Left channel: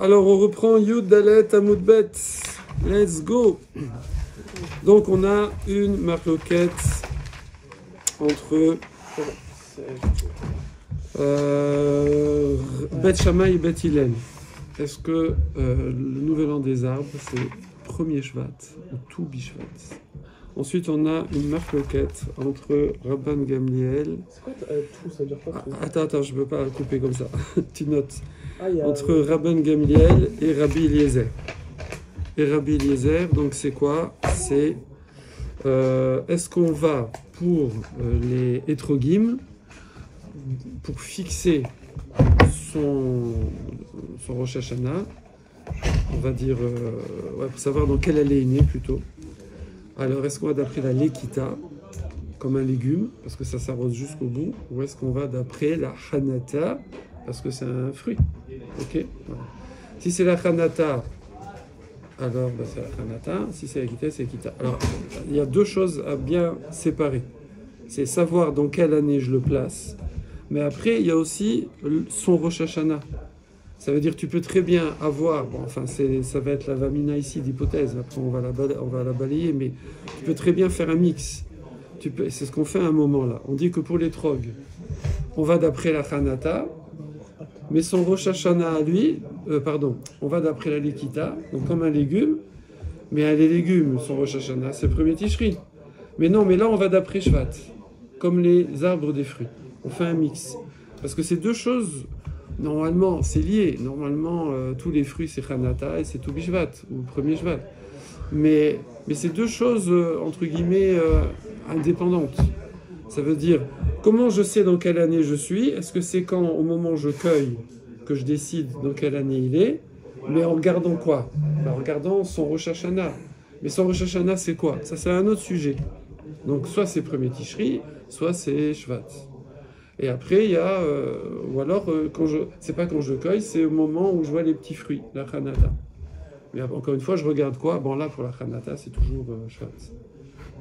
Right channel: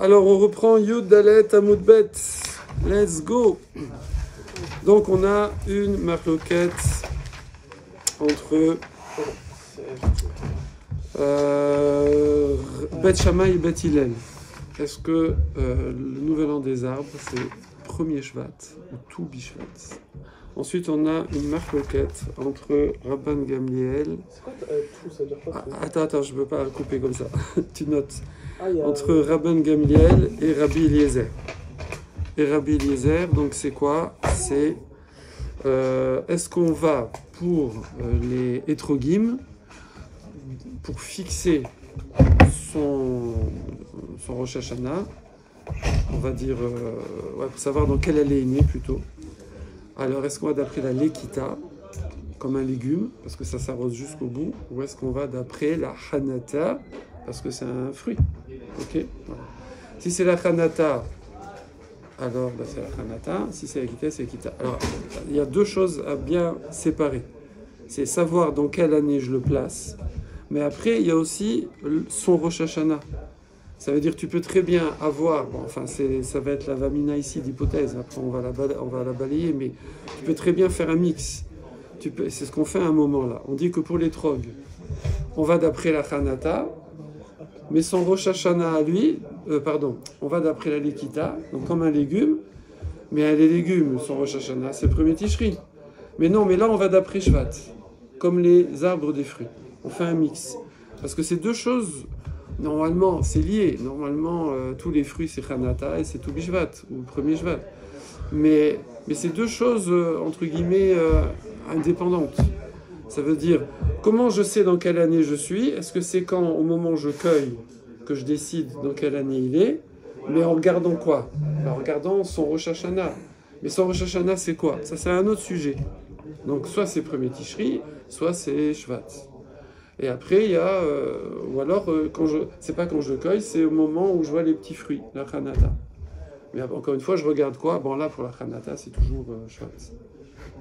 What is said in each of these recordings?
Alors, on reprend Yud Dalet Amud Bet. Let's go. Donc, on a une marloquette entre Bet Shammai et Bet Hillel. Est-ce que le nouvel an des arbres, c'est premier Shvat ou tout Bishvat? Ensuite, on a une marloquette entre Rabban Gamliel. C'est quoi tout? Ça veut dire quoi? Attends, je ne peux pas couper comme ça. Tu notes. Entre Rabban Gamliel et Rabbi Eliezer. Et Rabbi Eliezer, donc c'est quoi? C'est est-ce qu'on va pour les Etrogim, pour fixer son Rosh Hashanah, on va dire, pour savoir dans quelle année il est né plutôt. Alors, est-ce qu'on va d'après la Lekita, comme un légume, parce que ça s'arrose jusqu'au bout, ou est-ce qu'on va d'après la Hanata, parce que c'est un fruit? Ok, voilà. Si c'est la Hanata, alors c'est la Hanata. Si c'est la Lekita, c'est la Lekita. Alors, il y a deux choses à bien séparer. C'est savoir dans quelle année je le place, mais après, il y a aussi son Rosh Hashanah. Ça veut dire que tu peux très bien avoir, bon, enfin ça va être la Vamina ici d'hypothèse, après on va la balayer, mais tu peux très bien faire un mix. C'est ce qu'on fait à un moment là. On dit que pour les trogs, on va d'après la Hanata, mais son Rosh Hashanah à lui, on va d'après la Lekita, donc comme un légume, mais les légumes, son Rosh Hashanah, c'est le premier Tishri. Mais non, mais là on va d'après Shvat, comme les arbres des fruits. On fait un mix. Parce que ces deux choses, normalement, c'est lié. Normalement, tous les fruits, c'est Hanata et c'est tout Bishvat, ou le premier Shvat. Mais c'est deux choses, entre guillemets, indépendantes. Ça veut dire, comment je sais dans quelle année je suis? Est-ce que c'est quand, au moment où je cueille, que je décide dans quelle année il est? Mais en regardant quoi? En regardant son Rosh Hashanah. Mais son Rosh Hashanah, c'est quoi? Ça, c'est un autre sujet. Donc, soit c'est premier Tishri, soit c'est Shvat. Et après, il y a, ou alors, c'est pas quand je cueille, c'est au moment où je vois les petits fruits, la Hanata. Mais encore une fois, je regarde quoi? Bon, là, pour la Hanata, c'est toujours Shvat.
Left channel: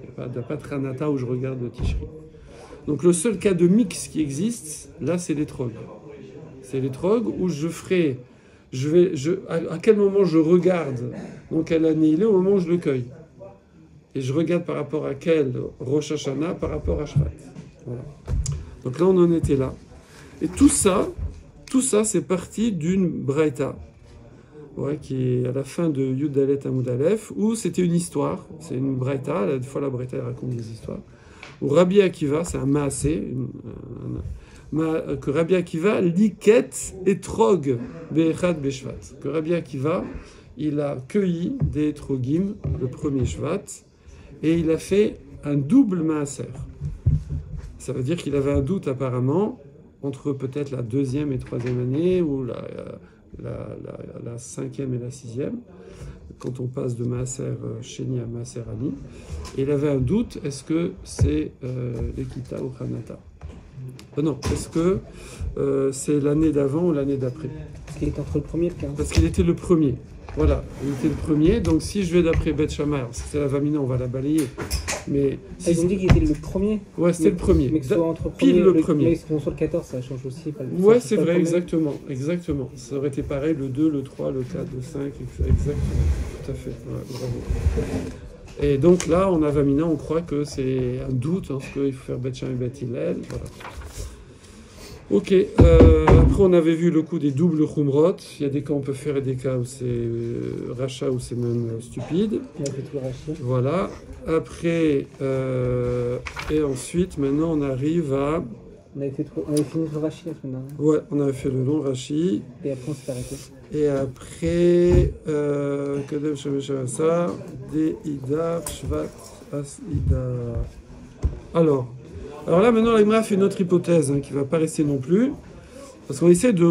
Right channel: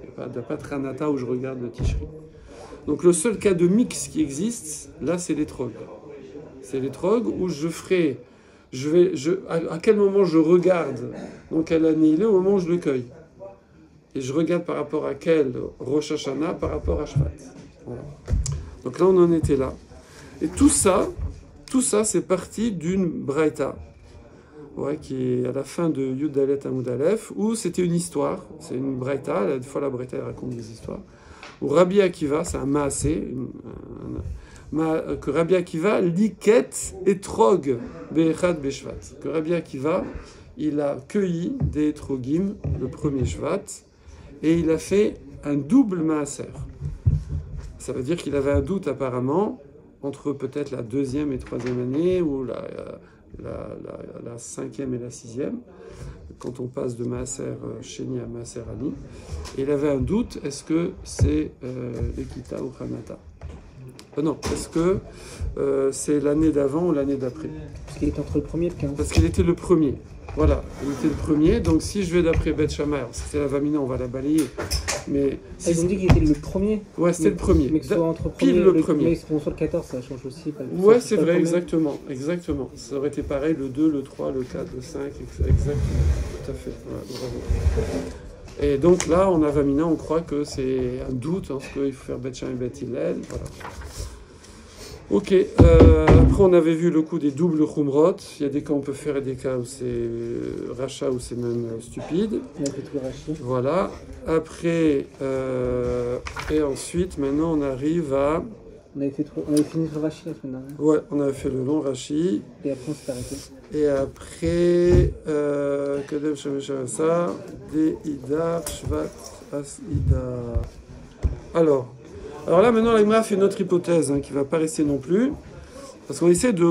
Il n'y a pas de Hanata où je regarde le Tishri. Donc, le seul cas de mix qui existe, là, c'est les trogs. C'est les trogs où je ferai, à quel moment je regarde dans quelle année il est, au moment où je le cueille. Et je regarde par rapport à quel Rosh Hashanah, par rapport à Shvat. Voilà. Donc là, on en était là. Et tout ça c'est parti d'une Braïta, qui est à la fin de Yud Dalet Amud Aleph, où c'était une histoire. C'est une Braïta, des fois la Braïta elle raconte des histoires. Où Rabbi Akiva, c'est un Maasé, que Rabbi Akiva liket etrog be'echad be'shvat. Que Rabbi Akiva, il a cueilli des etrogim, le premier Shvat, et il a fait un double Maaser. Ça veut dire qu'il avait un doute apparemment entre peut-être la deuxième et troisième année ou la cinquième et la sixième, quand on passe de Maaser Sheni à Maaser Ani. Et il avait un doute, est-ce que c'est Lekita ou Hanata? Non, est-ce que c'est l'année d'avant ou l'année d'après? Parce qu'il était entre le premier et le 15. Parce qu'il était le premier. Voilà, il était le premier. Donc si je vais d'après Bet Shammai, alors si c'est la Vamina, on va la balayer. Mais si vous dit qu'il était le premier. Ouais, c'était le premier. Mais que soit entre pile le premier. Mais soit le 14, ça change aussi. Ouais, c'est vrai, exactement. Ça aurait été pareil, le 2, le 3, le 4, le 5, exactement. Tout à fait. Ouais, bravo. Et donc là, on a Vamina, on croit que c'est un doute, parce qu'il faut faire Bet Shammai et Bet Hillel. Voilà. Ok, après on avait vu le coup des doubles Khumrot. Il y a des cas où on peut faire et des cas où c'est rachat, où c'est même stupide. Voilà. Après, et ensuite, maintenant on arrive à... On avait fini le Rashi la semaine dernière. Ouais, on avait fait le long Rashi. Et après on s'est arrêté. Et après, Kadem Shameshavasa, De Idar, Shvat, As Idar. Alors là, maintenant, la Gemara fait une autre hypothèse qui ne va pas rester non plus. Parce qu'on essaie de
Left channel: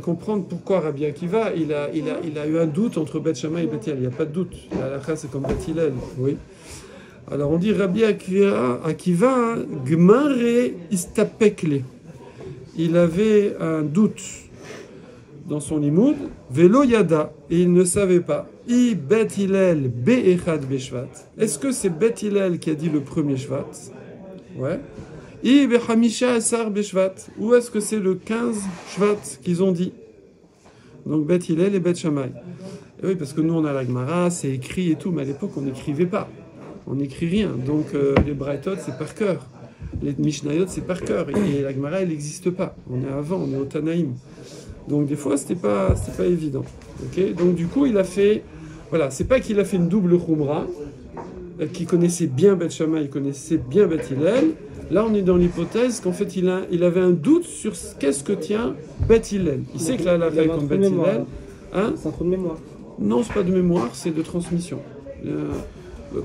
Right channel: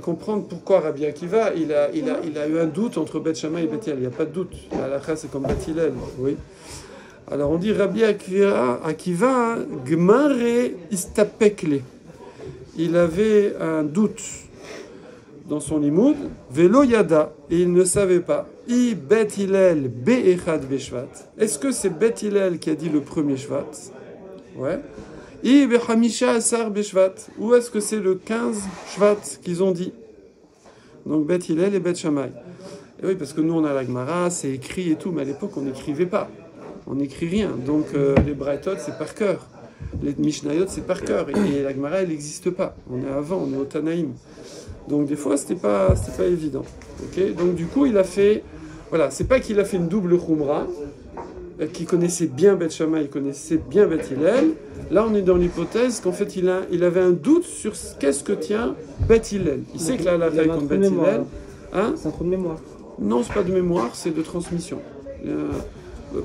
comprendre pourquoi Rabbi Akiva, il a eu un doute entre Bet Shammai et Bet Hillel. Il n'y a pas de doute. La halakha, c'est comme Bet Hillel. Oui. Alors, on dit Rabbi Akiva, Gmare istapekle. Il avait un doute dans son limoud, Velo Yada, et il ne savait pas. I Bet Hillel Be'echad Beshvat. Est-ce que c'est Bet Hillel qui a dit le premier Shvat? Ouais. I Behamisha Asar Beshvat. Ou est-ce que c'est le 15 Shvat qu'ils ont dit? Donc Bet Hillel et Bet Shammai. Et oui, parce que nous on a la Gemara, c'est écrit et tout, mais à l'époque on n'écrivait pas. On n'écrit rien. Donc les Braithot c'est par cœur. Les Mishnayot c'est par cœur. Et la Gemara elle n'existe pas. On est avant, on est au Tanaïm. Donc des fois c'était pas évident. Okay, donc du coup il a fait, voilà, c'est pas qu'il a fait une double Khumra, qui connaissait bien Bet Shammai, il connaissait bien Bet Hillel. Là on est dans l'hypothèse qu'en fait il avait un doute sur qu'est-ce que tient Bet Hillel. Il sait que là la taille comme Bet Hillel. Hein? C'est un trou de mémoire. Non, c'est pas de mémoire, c'est de transmission.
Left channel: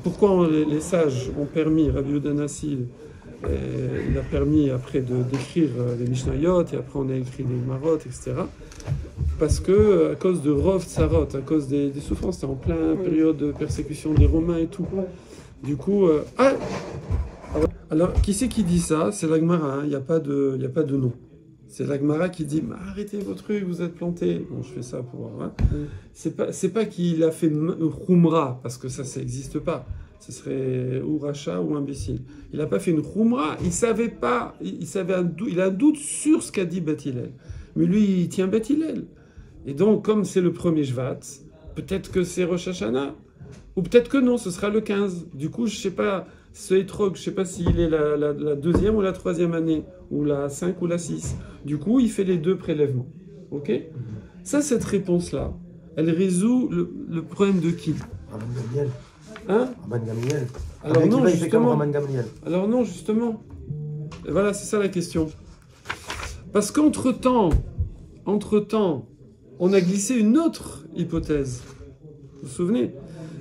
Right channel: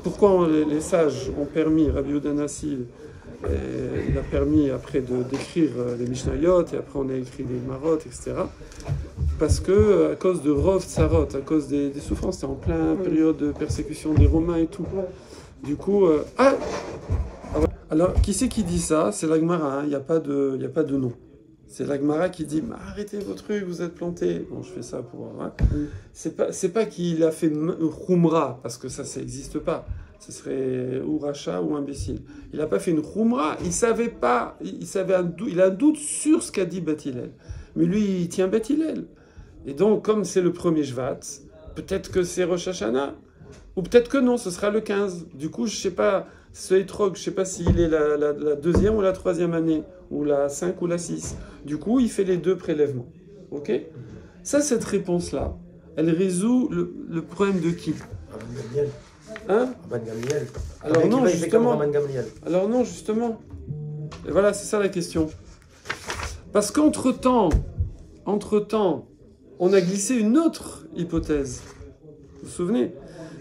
Pourquoi les sages ont permis, Rabbi Yehuda Hanassi, il a permis après d'écrire les Mishnayot, et après on a écrit les Marot, etc. Parce que, à cause de Rov Tsarot, à cause des souffrances, c'était en pleine période de persécution des Romains et tout. Du coup, alors, qui c'est qui dit ça? C'est la Gemara, hein, il n'y a pas de nom. C'est la Gemara qui dit arrêtez vos trucs, vous êtes plantés. Bon, je fais ça pour. Hein. C'est pas qu'il a fait Khumra, parce que ça n'existe pas. Ce serait ou rachat ou imbécile. Il n'a pas fait une Khumra, il savait pas, il a un doute sur ce qu'a dit Bet Hillel. Mais lui, il tient Bet Hillel. Et donc, comme c'est le premier Shvat, peut-être que c'est Rosh Hashanah, ou peut-être que non, ce sera le 15. Du coup, je sais pas, ce Etrog, je sais pas s'il est la deuxième ou la troisième année, ou la 5 ou la 6. Du coup, il fait les deux prélèvements. Ok? Ça, cette réponse-là, elle résout le problème de qui? Hein? Alors non, justement. Alors non, justement. Et voilà, c'est ça la question. Parce qu'entre-temps, on a glissé une autre hypothèse. Vous vous souvenez?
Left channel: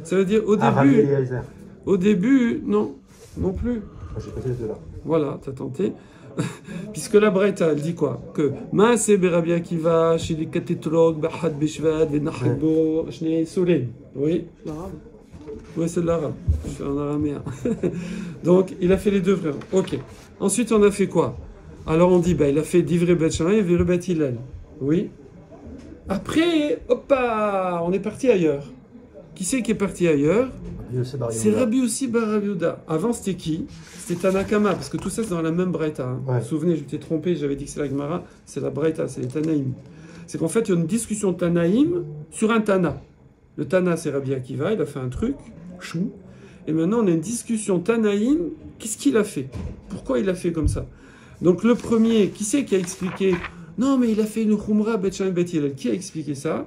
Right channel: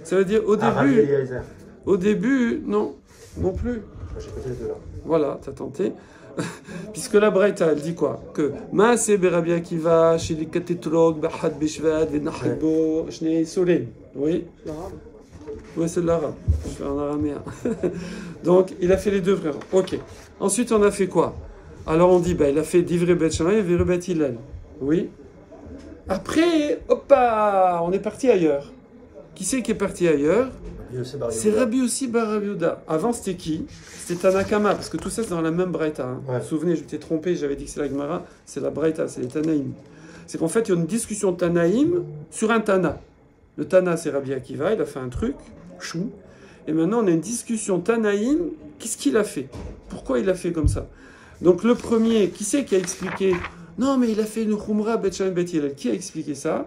Ça veut dire au début, non plus. J'ai pété les deux là. Voilà, t'as tenté. Puisque la Braïta, elle dit quoi? Que Maaseh Rabbi Akiva, Shili Katetrog, Bahad Bishvad, Venachbo, Shnei Solem. Oui? Oui, c'est de l'arabe. Je suis en araméen. Donc, il a fait les deux frères. Ok. Ensuite, on a fait quoi? Alors, on dit, il a fait Divrei Bet Shammai et Divrei Bet Hillel. Oui? Après, on est parti ailleurs. Qui c'est qui est parti ailleurs? C'est Rabbi Yossi bar Rabbi Yehuda. Avant, c'était qui? C'était Tanakama, parce que tout ça, c'est dans la même Braïta. Hein. Ouais. Vous vous souvenez, je m'étais trompé, j'avais dit que c'est la Gemara. C'est la Braïta, c'est les Tanaïm. C'est qu'en fait, il y a une discussion de Tanaïm sur un Tana. Le Tana, c'est Rabbi Akiva, il a fait un truc, chou. Et maintenant, on a une discussion Tanaïm. Qu'est-ce qu'il a fait? Pourquoi il a fait comme ça? Donc, le premier, qui c'est qui a expliqué? Non, mais il a fait une Khumra, Bet Shammai, Bet Hillel. Qui a expliqué ça?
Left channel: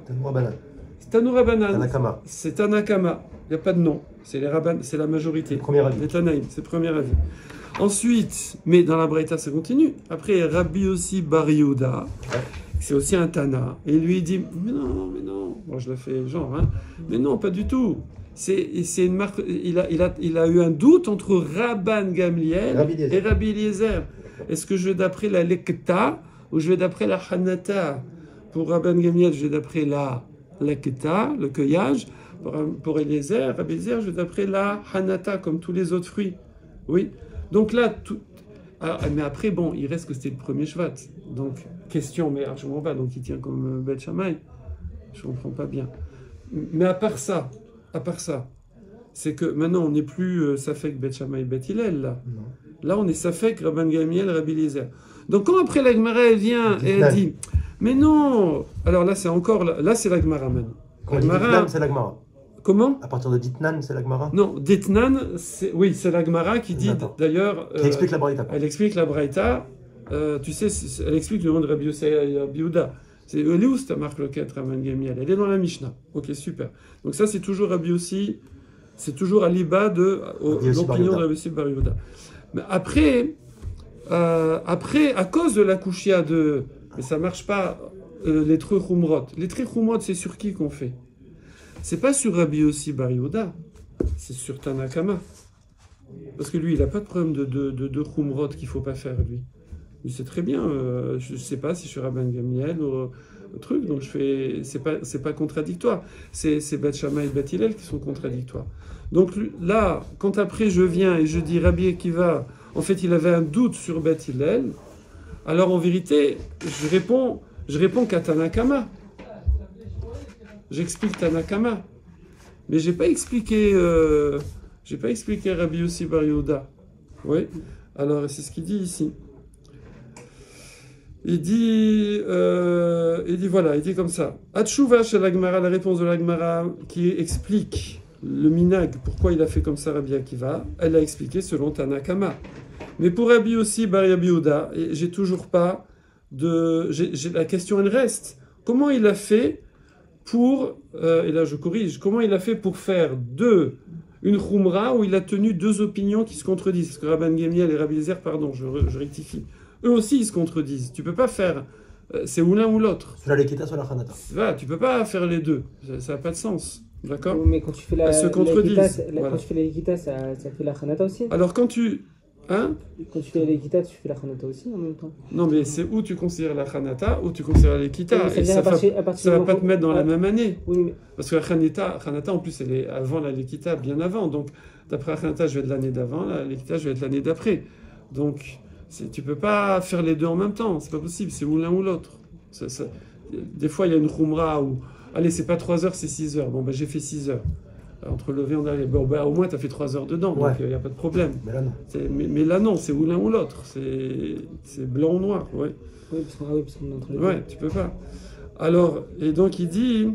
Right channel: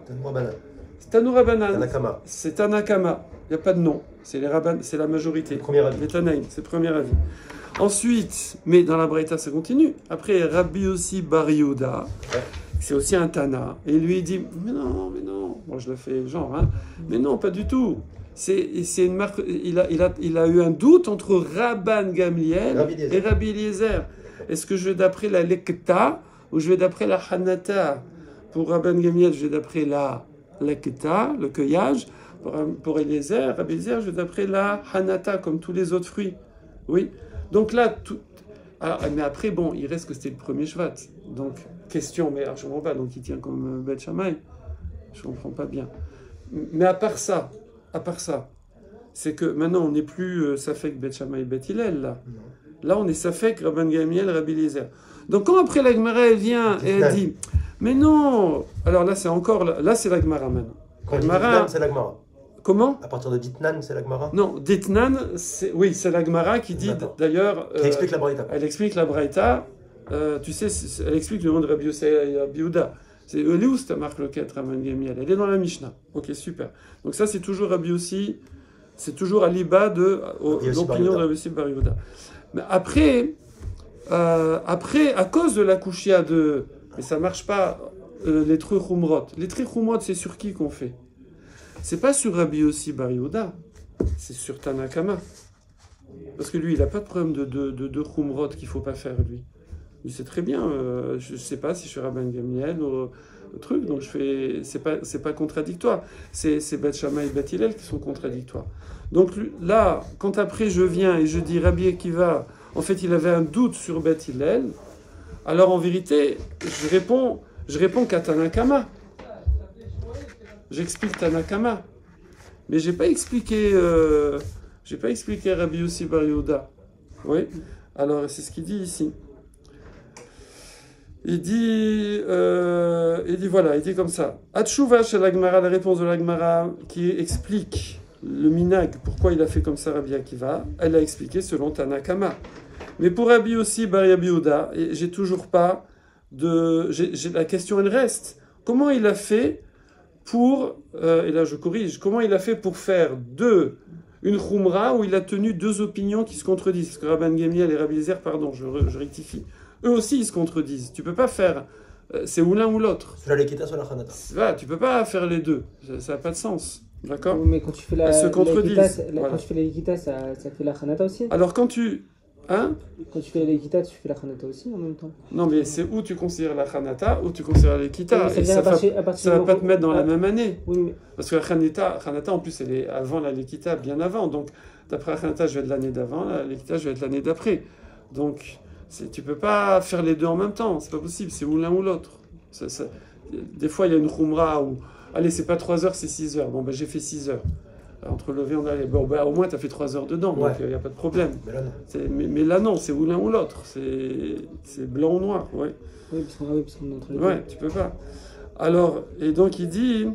Tanoura Banan. C'est Tanakama. Il n'y a pas de nom. C'est la majorité. Premier avis. Les Tanaïm, c'est le premier avis. Ensuite, mais dans la Braïta, ça continue. Après, Rabbi Yossi bar Yehuda, c'est aussi un Tana. Et lui, il dit, mais non. Bon, je le fais genre, hein. Mais non, pas du tout. C'est une marque. Il a eu un doute entre Rabban Gamliel et Rabbi Eliezer. Est-ce que je vais d'après la Lekta ou je vais d'après la Hanata? Pour Rabban Gamliel, je vais d'après la Lekta, le cueillage. Pour Eliezer, Rabbi Eliezer, je vais d'après la Hanata, comme tous les autres fruits. Oui. Donc là, tout. Alors, mais après, bon, il reste que c'était le premier Shvat. Donc, question, mais alors, je ne comprends pas. Donc, il tient comme Bet Shammai. Je ne comprends pas bien. Mais à part ça, c'est que maintenant, on n'est plus Safek Bet Shammai et Bet Hillel, là. Là, on est Safek Rabban Gamliel, Rabbi Eliezer. Donc, quand après la Gemara, elle vient et elle dit, mais non. Alors là, c'est encore, là, c'est la Gemara maintenant. Quand Ditnan, c'est la Gemara. Comment? À partir de Ditnan, c'est la Gemara? Non, Ditnan, oui, c'est la Gemara qui dit, d'ailleurs... Qui explique la Braïta. Elle explique la Braïta. Tu sais, elle explique le nom de Rabbi Yossi et Rabbi Yehuda. C'est Elious, ta marque loquette, Rabban Gamliel. Elle est dans la Mishnah. Ok, super. Donc ça, c'est toujours Rabbi Yossi, c'est toujours à l'Iba de l'opinion de Rabbi Yossi bar Yehuda. Mais après, à cause de la Kushia de... Mais ça marche pas, les Trei Khumrot. Les Trei Khumrot, c'est sur qui qu'on fait? C'est pas sur Rabbi Yossi bar Yehuda, c'est sur Tanakama. Parce que lui, il n'a pas de problème de Khumrot qu'il ne faut pas faire, lui. Il sait très bien, je ne sais pas si je suis Rabban Gamliel ou truc, donc c'est pas contradictoire. C'est Bet Shammai et Bet Hillel qui sont contradictoires. Donc là, quand après je viens et je dis Rabbi Akiva, en fait, il avait un doute sur Bet Hillel, alors en vérité, je réponds qu'à Tanakama. J'explique Tanakama. Mais j'ai pas expliqué Rabbi Yossi bar Yehuda. Oui. Alors c'est ce qu'il dit ici. il dit voilà, il dit comme ça. Atchouva chez l'Agmara, la réponse de l'Agmara qui explique le minag, pourquoi il a fait comme ça Rabbi Akiva, elle a expliqué selon Tanakama. Mais pour Rabbi aussi, Bar Rabbi Yehuda, j'ai toujours pas de... la question, elle reste. Comment il a fait pour... et là, je corrige. Comment il a fait pour faire une khumra où il a tenu deux opinions qui se contredisent? Parce que Rabban Gemiel et Rabbi Eliezer, pardon, je rectifie. Eux aussi, ils se contredisent. Tu peux pas faire... c'est ou l'un ou l'autre. Sur la Lekita, sur la Khanata. Tu peux pas faire les deux. Ça n'a pas de sens. D'accord? Mais quand tu fais la... Elles se contredisent. Quand tu fais la Lekita, ça fait la Khanata aussi? Alors quand tu... Hein? Quand tu fais la Lekita, tu fais la Khanata aussi en même temps? Non, mais c'est où tu considères la Khanata, où tu considères la Lekita. Oui, et ça va pas te mettre dans la même année. Oui, mais... Parce que la Khanata, en plus, elle est avant la Lekita, bien avant. Donc, d'après la Khanata, je vais être l'année d'avant, la Lekita, je vais être l'année d'après. Donc, tu peux pas faire les deux en même temps. C'est pas possible, c'est ou l'un ou l'autre. Des fois, il y a une khumra où, allez, c'est pas 3 heures, c'est 6 heures. Bon, ben, j'ai fait 6 heures. Entre lever et on allait. Bon, ben, au moins, tu as fait 3 heures dedans, Ouais. donc il n'y a pas de problème. Mais là, non. Mais là, non, c'est ou l'un ou l'autre. C'est blanc ou noir, ouais. Oui, parce qu'on est entre les deux. Ouais, tu peux pas. Alors, et donc il dit...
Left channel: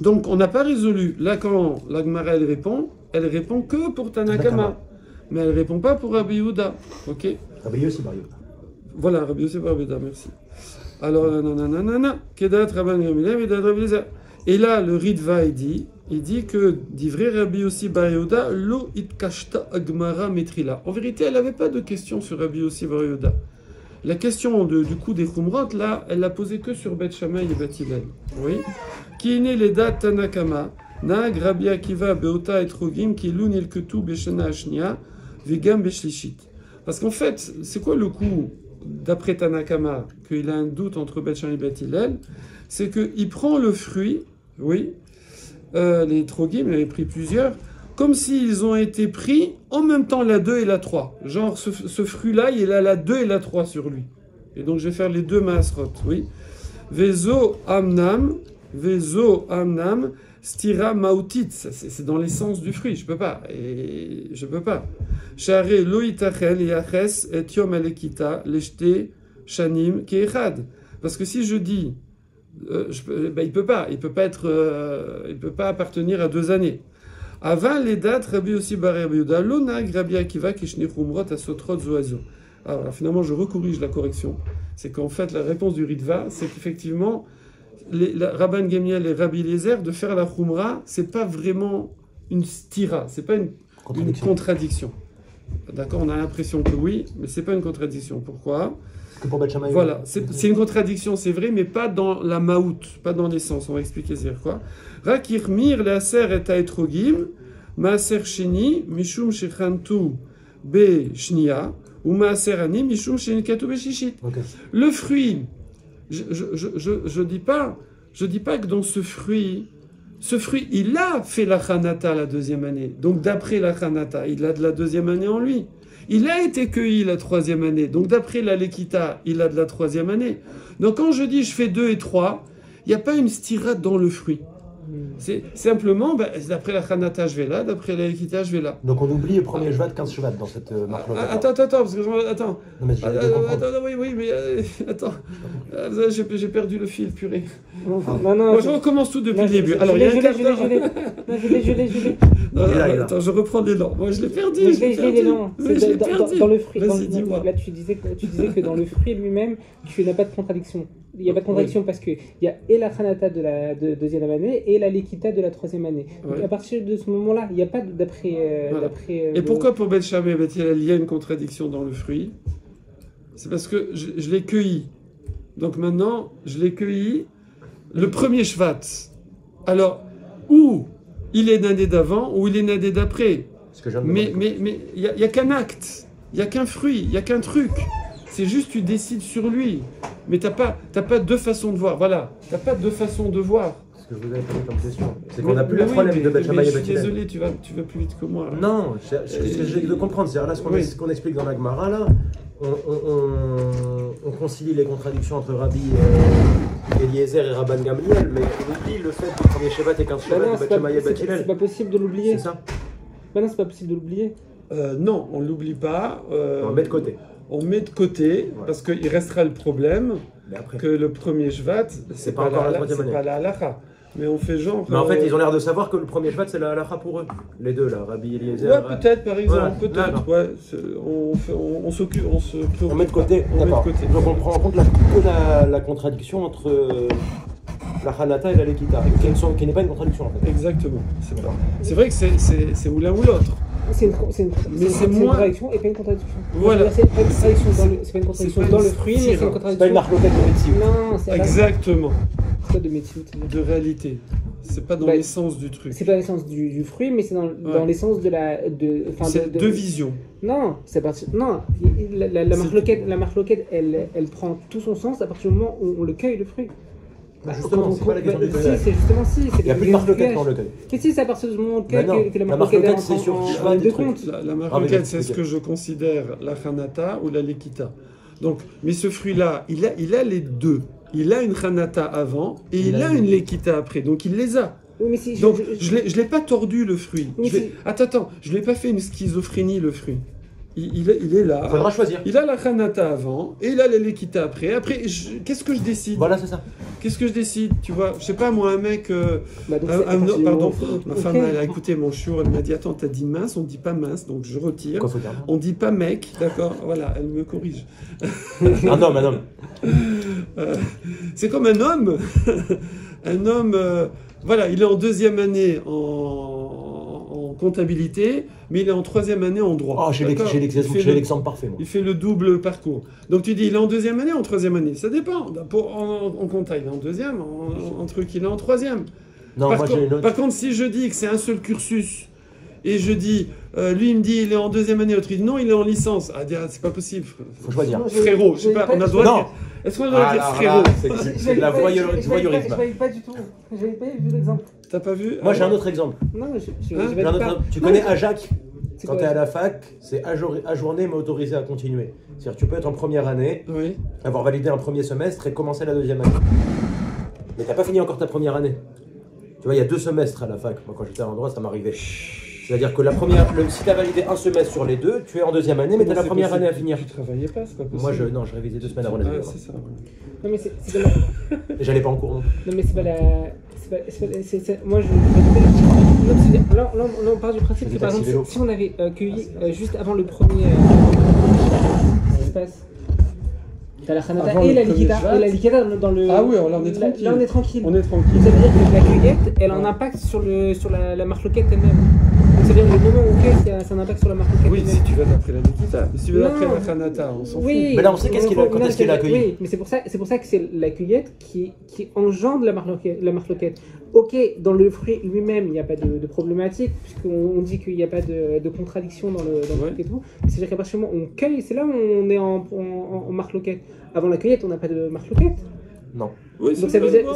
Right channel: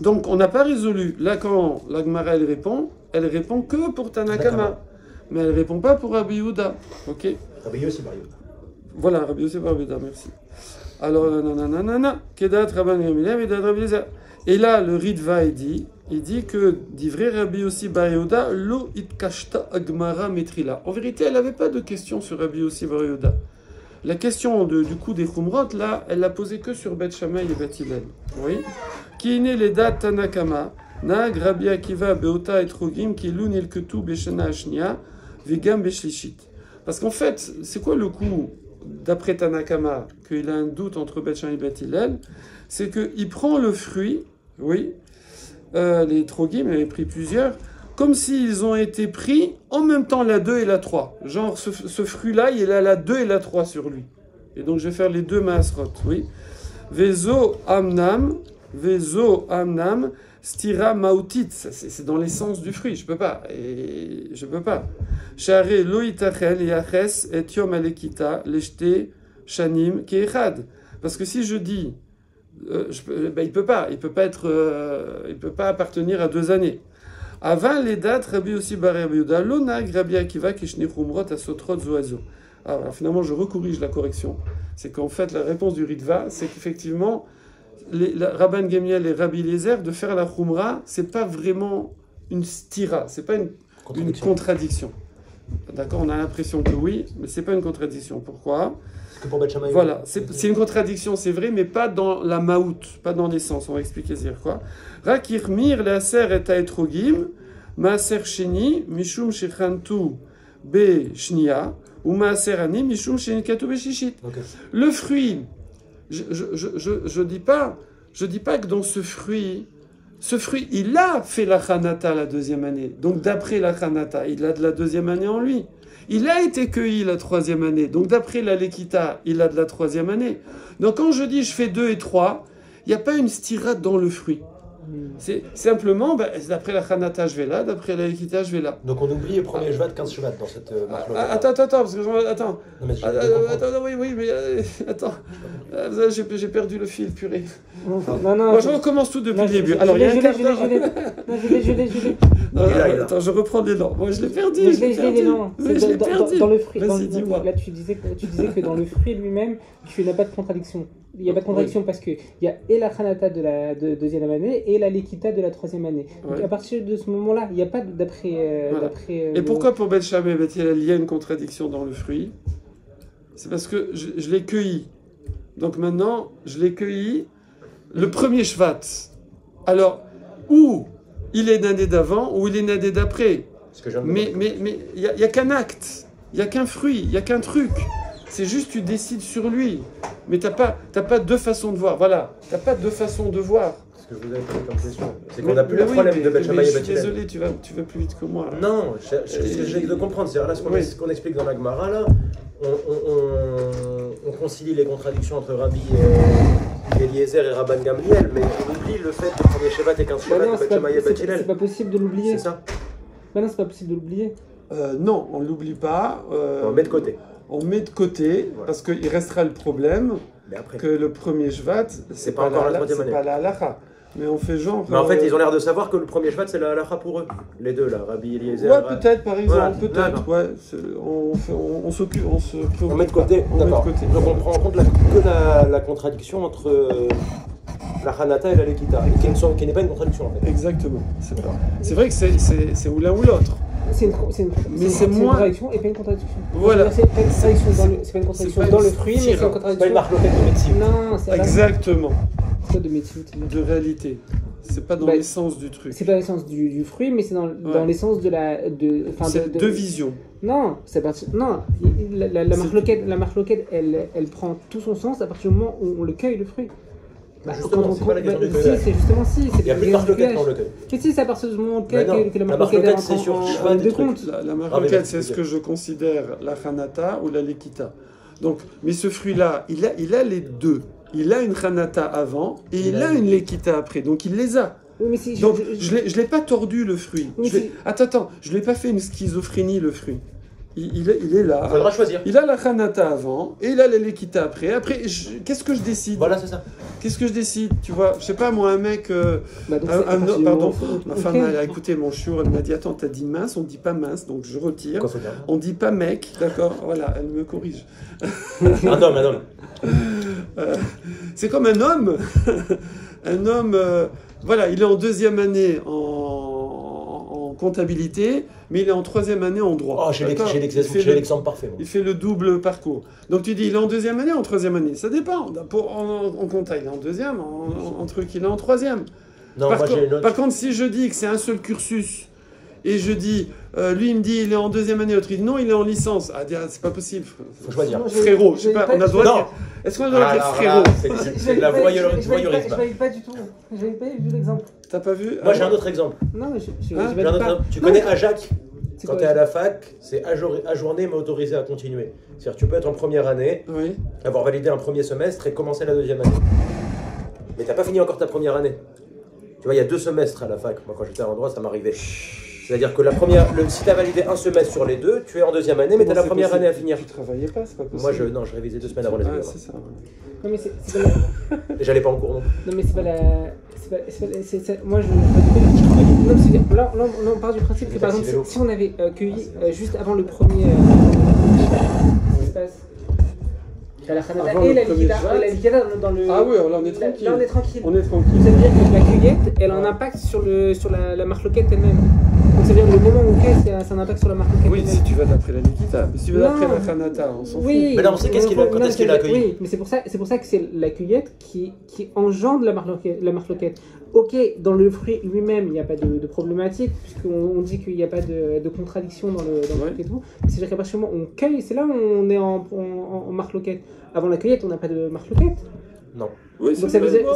Donc, on n'a pas résolu. Là, quand la Gemara, elle répond que pour Tanakama. Mais elle ne répond pas pour Rabbi Yehuda. Ok? Rabbi Yossi, Bar Yehuda. Voilà, Rabbi Yossi, Bar Yehuda, merci. Alors, nanana, Kedat Rabban Gamliel, Kedat Rabbi Eliezer. Et là, le Ritva, il dit que, d'ivré Rabbi Yossi Bar Yehuda, lo itkashta agmara metrila. En vérité, elle n'avait pas de question sur Rabbi Yossi Bar Yehuda. La question du coup des Khumrot, là, elle l'a posée que sur Bet Shammai et Bet Hillel. Oui. Qui est né les dates Tanakama, Nag Rabbi Akiva Beota et Trogim, qui lun el ketu beshana ashnia, vegam beshlishit. Parce qu'en fait, c'est quoi le coup, d'après Tanakama, qu'il a un doute entre Bet Shammai et Bet Hillel? C'est qu'il prend le fruit, oui, les Trogim, il avait pris plusieurs, comme s'ils ont été pris en même temps la 2 et la 3. Genre, ce fruit-là, il a la 2 et la 3 sur lui. Et donc, je vais faire les deux maasrot, oui. Vezo amnam, stira mautit. C'est dans l'essence du fruit, je peux pas. Share lo itachel yaches et yom alekita leshte shanim keechad. Parce que si je dis, il peut pas appartenir à 2 années. Avant les dates, Rabbi aussi Bar Rabbi Yehuda, l'onag Rabbi Akiva kishne khumrot asotrot zoazo. Alors finalement, je recorrige la correction. C'est qu'en fait, la réponse du Ritva, c'est qu'effectivement, Rabban Gemiel et Rabbi Eliezer, de faire la khumra, c'est pas vraiment une stira, c'est pas une contradiction. D'accord, on a l'impression que oui, mais c'est pas une contradiction. Pourquoi? Pour Bet Shammai, voilà, c'est une contradiction, c'est vrai, mais pas dans la maout, pas dans l'essence. On va expliquer c'est quoi. Rakir mir l'aser et taetrogim, maaser sheni, mishum shechantu be shnia, ou maaser ani, mishum shenikatu be shishit. Le fruit, je dis pas que dans ce fruit, il a fait la Khanata la 2e année. Donc d'après la Khanata, il a de la 2e année en lui. Il a été cueilli la 3e année. Donc d'après la Lekita, il a de la 3e année. Donc quand je dis je fais 2 et 3, il n'y a pas une stirade dans le fruit. C'est simplement, d'après la Khanata, je vais là, d'après la Lekita, je vais là. Donc on oublie le premier Shvat, 15 Shvat dans cette marque. Attends, parce que attends. Non, mais Oui, mais attends. J'ai perdu le fil, purée. Non. Moi, je recommence tout depuis le début. Alors, il y a un quart d'heure. Je l'ai. Attends, je reprends l'élan. Moi, je l'ai perdu. Je l'ai perdu. Dans le fruit. Vas-y, dis-moi. Là, tu disais que dans le fruit lui-même, tu n'as pas de contradiction. Il n'y a pas de contradiction parce qu'il y a et la Khanata de la 2e année et la Lekita de la 3e année. Donc à partir de ce moment-là, il n'y a pas d'après. Et pourquoi pour Bet Shammai et Bet Hillel, il y a une contradiction dans le fruit? C'est parce que je l'ai cueilli. Donc maintenant, je l'ai cueilli le premier Shvat. Alors, ou il est l'année d'avant, ou il est l'année d'après. Mais il n'y a qu'un acte, il n'y a qu'un fruit, il n'y a qu'un truc. C'est juste tu décides sur lui. Mais tu n'as pas 2 façons de voir. Voilà, tu n'as pas 2 façons de voir. Ce que je vous avais posé comme question, c'est qu'on n'a plus le problème de Bet Shammai et Bet Hillel. Je suis désolé, tu vas plus vite que moi. Non, j'ai de comprendre. C'est là ce qu'on explique dans la Gemara, là. On concilie les contradictions entre Rabbi Eliezer et Rabban Gamliel, mais on oublie le fait de premier Shevat et 15 Shevat de Bet Shammai et Bet Hillel. C'est pas possible de l'oublier. C'est ça? Non, c'est pas possible de l'oublier. Non, on ne l'oublie pas. On le met de côté. on met de côté, parce qu'il restera le problème Mais après, que le premier Shvat, c'est pas encore la troisième année. C'est pas la halakha. Mais on fait genre. Mais en fait, ils ont l'air de savoir que le premier Shvat, c'est la halakha pour eux. Les deux, là, Rabbi Eliezer. Ouais, peut-être, par exemple, Voilà. peut-être. Ouais, on s'occupe, On met de côté, d'accord. Donc on prend en compte la contradiction entre la Hanata et la Lekita, qui n'est pas une contradiction en fait. Exactement. C'est vrai que c'est ou l'un ou l'autre. C'est une contradiction et pas une contradiction. Voilà. C'est pas une contradiction dans le fruit, mais c'est une contradiction. C'est pas une marque de médecine. Non, c'est exactement. Pas de médecine. De réalité. C'est pas dans l'essence du truc. C'est pas l'essence du fruit, mais c'est dans l'essence de la. C'est deux visions. Non, c'est pas. Non, la marque loquette, elle prend tout son sens à partir du moment où on le cueille le fruit. Bah justement, c'est pas la question du cueillage. C'est justement si. Il n'y a plus de marque loquette quand on le cueille. Mais si, c'est à partir du moment où on le cueille que la marque loquette, c'est sur cheval des trucs. La marque loquette, c'est ce que je considère la Hanata ou la Lekita. Donc, mais ce fruit-là, il a les deux. Il a une Hanata avant et il a une Lekita après. Donc, il les a. Oui, si, donc, je ne l'ai pas tordu, le fruit. Attends, je ne l'ai pas fait une schizophrénie, le fruit. Il est là. Il faudra choisir. Il a la Hanata avant et il a la Lekita après. Après, qu'est-ce que je décide? Voilà, c'est ça. Qu'est-ce que je décide? Tu vois, je sais pas, moi, un mec. Pardon, ma femme a écouté mon chiour, elle m'a dit attends, t'as dit mince, on dit pas mince, donc je retire. On dit pas mec, d'accord? Voilà, elle me corrige. Un homme. C'est comme un homme. Un homme, voilà, il est en deuxième année en comptabilité, mais il est en troisième année en droit. Oh, j'ai l'exemple parfait. Moi. Il fait le double parcours. Donc tu dis, il est en deuxième année ou en troisième année? Ça dépend. En compta, il est en deuxième, en truc, il est en troisième. Non, par contre, si je dis que c'est un seul cursus, et je dis, lui il me dit, il est en deuxième année, l'autre il dit non, il est en licence. Ah, c'est pas possible. Faut choisir. Frérot, je sais pas, on a le droit de dire. Est-ce qu'on a le droit de dire frérot? C'est de la voyeurisme. Je n'avais pas du tout. Je n'avais pas vu l'exemple. T'as pas vu? Moi j'ai un autre exemple. Non, mais tu connais Ajac? Quand tu es à la fac, c'est ajourné mais autorisé à continuer. C'est-à-dire tu peux être en première année, avoir validé un premier semestre et commencer la deuxième année. Mais tu n'as pas fini encore ta première année. Tu vois, il y a 2 semestres à la fac. Moi quand j'étais en droit, ça m'arrivait. C'est-à-dire que si tu as validé un semestre sur les 2, tu es en deuxième année, mais tu as la première année à finir. Tu travaillais pas, c'est pas possible. Moi, je révisais 2 semaines avant les examens. C'est ça, Non, mais c'est pas la... Et j'allais pas en cours non plus. Non, mais c'est pas la... Moi, là, on part du principe que, par exemple, si on avait cueilli juste avant le premier... la Hanata et la Lekita dans le... Ah oui, là on est tranquille. Là on est tranquille. On est tranquille. Ça veut dire que la cueillette, elle a un impact sur la marque loquette elle-même. Donc ça veut dire que le moment où on cueille, c'est un impact sur la marque loquette. Oui, si tu vas d'après la Lekita. Mais si tu vas d'après la Hanata, on s'en fout. Mais là on sait quand est-ce qu'il a accueilli. Oui, mais c'est pour ça que c'est la cueillette qui engendre la marque loquette. Ok, dans le fruit lui-même, il n'y a pas de problématique, puisqu'on dit qu'il n'y a pas de contradiction dans le truc et tout. Mais c'est-à-dire qu'à partir du moment où on cueille, c'est là où on est en marque loquette. Avant la cueillette, on n'a pas de marque loquette. Non. Oui, donc ça veut dire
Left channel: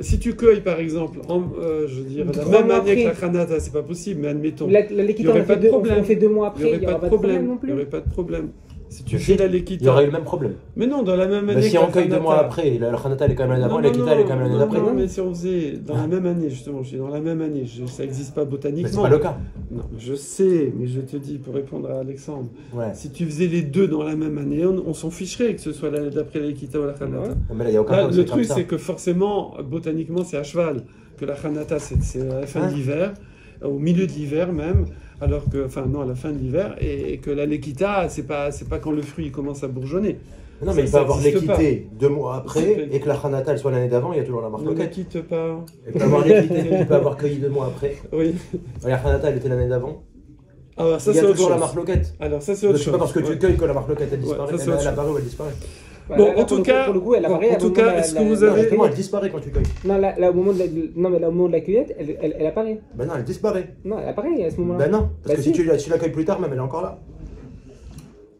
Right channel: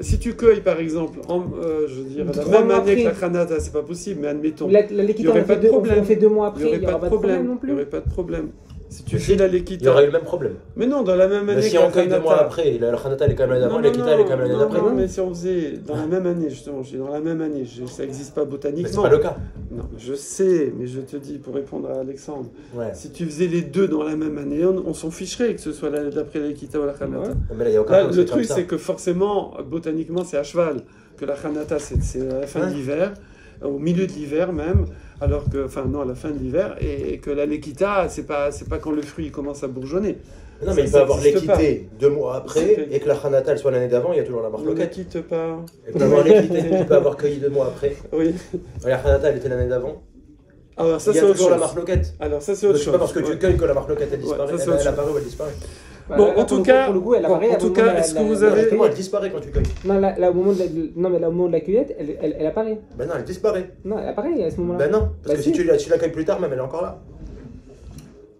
si tu cueilles par exemple, je veux dire, la même année que la Hanata, c'est pas possible, mais admettons, il n'y aurait pas de problème. On fait 2 mois après, il n'y aurait pas de problème non plus. Il n'y aurait pas de problème. Si tu fais la Lekita. Il y aurait eu le même problème. Mais non, dans la même année. Mais si on cueille 2 mois après, la Hanata elle est quand même l'année d'avant, la Lekita elle est quand même l'année d'après. Non, mais si on faisait dans la même année, justement, je dis dans la même année, ça n'existe pas botaniquement. Mais c'est pas le cas. Non, je sais, mais je te dis, pour répondre à Alexandre, si tu faisais les 2 dans la même année, on s'en ficherait que ce soit l'année d'après la Lekita ou la Hanata. Mais là, il y a aucun le truc, c'est que forcément, botaniquement, c'est à cheval. Que la Hanata, c'est à la fin de l'hiver, au milieu de l'hiver même. Alors que, enfin non, à la fin de l'hiver, et que la Lekita, c'est pas quand le fruit commence à bourgeonner. Non, mais il peut avoir l'équité 2 mois après, et que la Hanata soit l'année d'avant, il y a toujours la marque loquette. Ne quitte pas. Il peut avoir l'équité, il peut avoir cueilli 2 mois après. Oui. La Hanata, elle était l'année d'avant. Alors, ça, il y a toujours la marque loquette. Alors ça, c'est autre chose. C'est pas parce que tu cueilles que la marque loquette, elle disparaît. Elle apparaît ou elle disparaît. Bon, en tout cas, est-ce que vous avez... elle disparaît quand tu cueilles. Non, là, au moment de la cueillette, elle apparaît. Ben non, elle disparaît. Non, elle apparaît à ce moment-là. Ben non, parce que si tu la cueilles plus tard, même elle est encore là.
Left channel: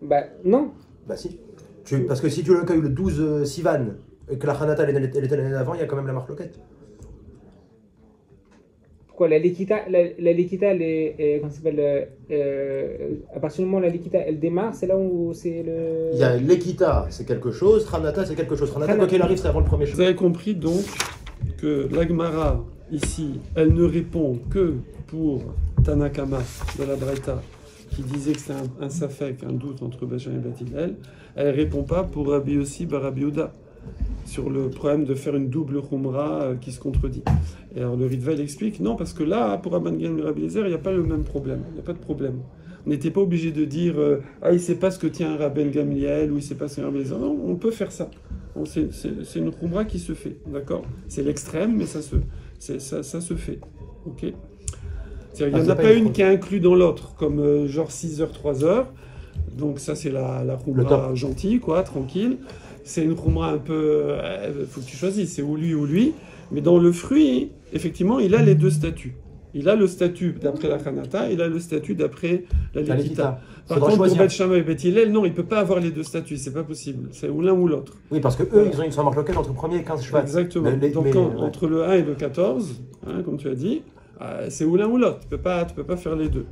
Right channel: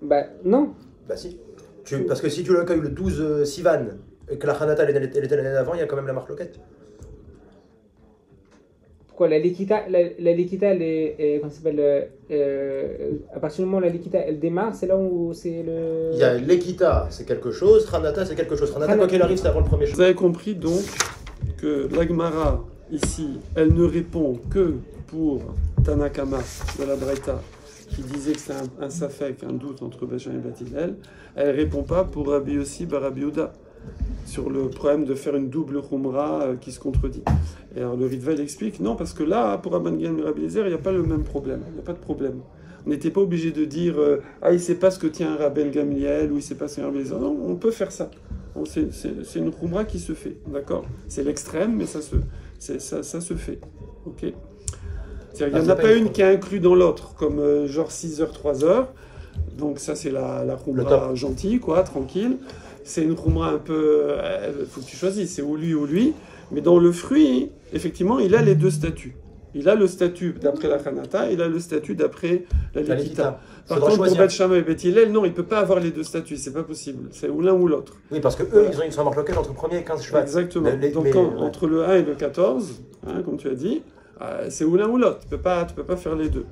Bah non. Bah si. Parce que si tu la cueilles le 12 Sivan, et que la Hanata elle était l'année d'avant, il y a quand même la marque loquette. Pourquoi la Lekita, elle est comment ça s'appelle, à partir du moment où la Lekita elle démarre, c'est là où c'est le... Il y a Lekita, c'est quelque chose, Hanata, c'est quelque chose. Hanata, quoi qu'il arrive, c'est avant le premier chemin. Vous avez compris donc que l'Agmara, ici, elle ne répond que pour Tanakama de la Braïta qui disait que c'est un safek, un doute entre Bet Shammai et Bet Hillel, elle ne répond pas pour Rabbi Yossi bar Rabbi Yehuda sur le problème de faire une double khumra qui se contredit. Et alors le Ritva il explique non, parce que là, pour Rabban Gamliel et Rabbi Eliezer, il n'y a pas le même problème, il n'y a pas de problème. On n'était pas obligé de dire ah, il ne sait pas ce que tient un Rabban Gamliel ou il ne sait pas ce qu'est un Rabbi Eliezer. Non, on peut faire ça. C'est une khumra qui se fait, d'accord? C'est l'extrême, mais ça se fait. Ok? Il n'y en a pas une qui est inclue dans l'autre, comme genre 6 heures, 3 heures. Donc ça, c'est la khumra gentille, quoi, tranquille. C'est une khumra un peu... faut que tu choisisses, c'est ou lui. Mais dans le fruit, effectivement, il a les deux statuts. Il a le statut d'après la Khanata, il a le statut d'après la Lekita. Par contre, pour Bet Shammai et Bet Hillel, non, il ne peut pas avoir les deux statuts, c'est pas possible. C'est ou l'un ou l'autre. Oui, parce que eux, ils ont une somme locale entre le premier et 15 Shvat. Exactement. Entre le 1 et le 14, hein, comme tu as dit, c'est ou l'un ou l'autre. Tu peux pas faire les deux.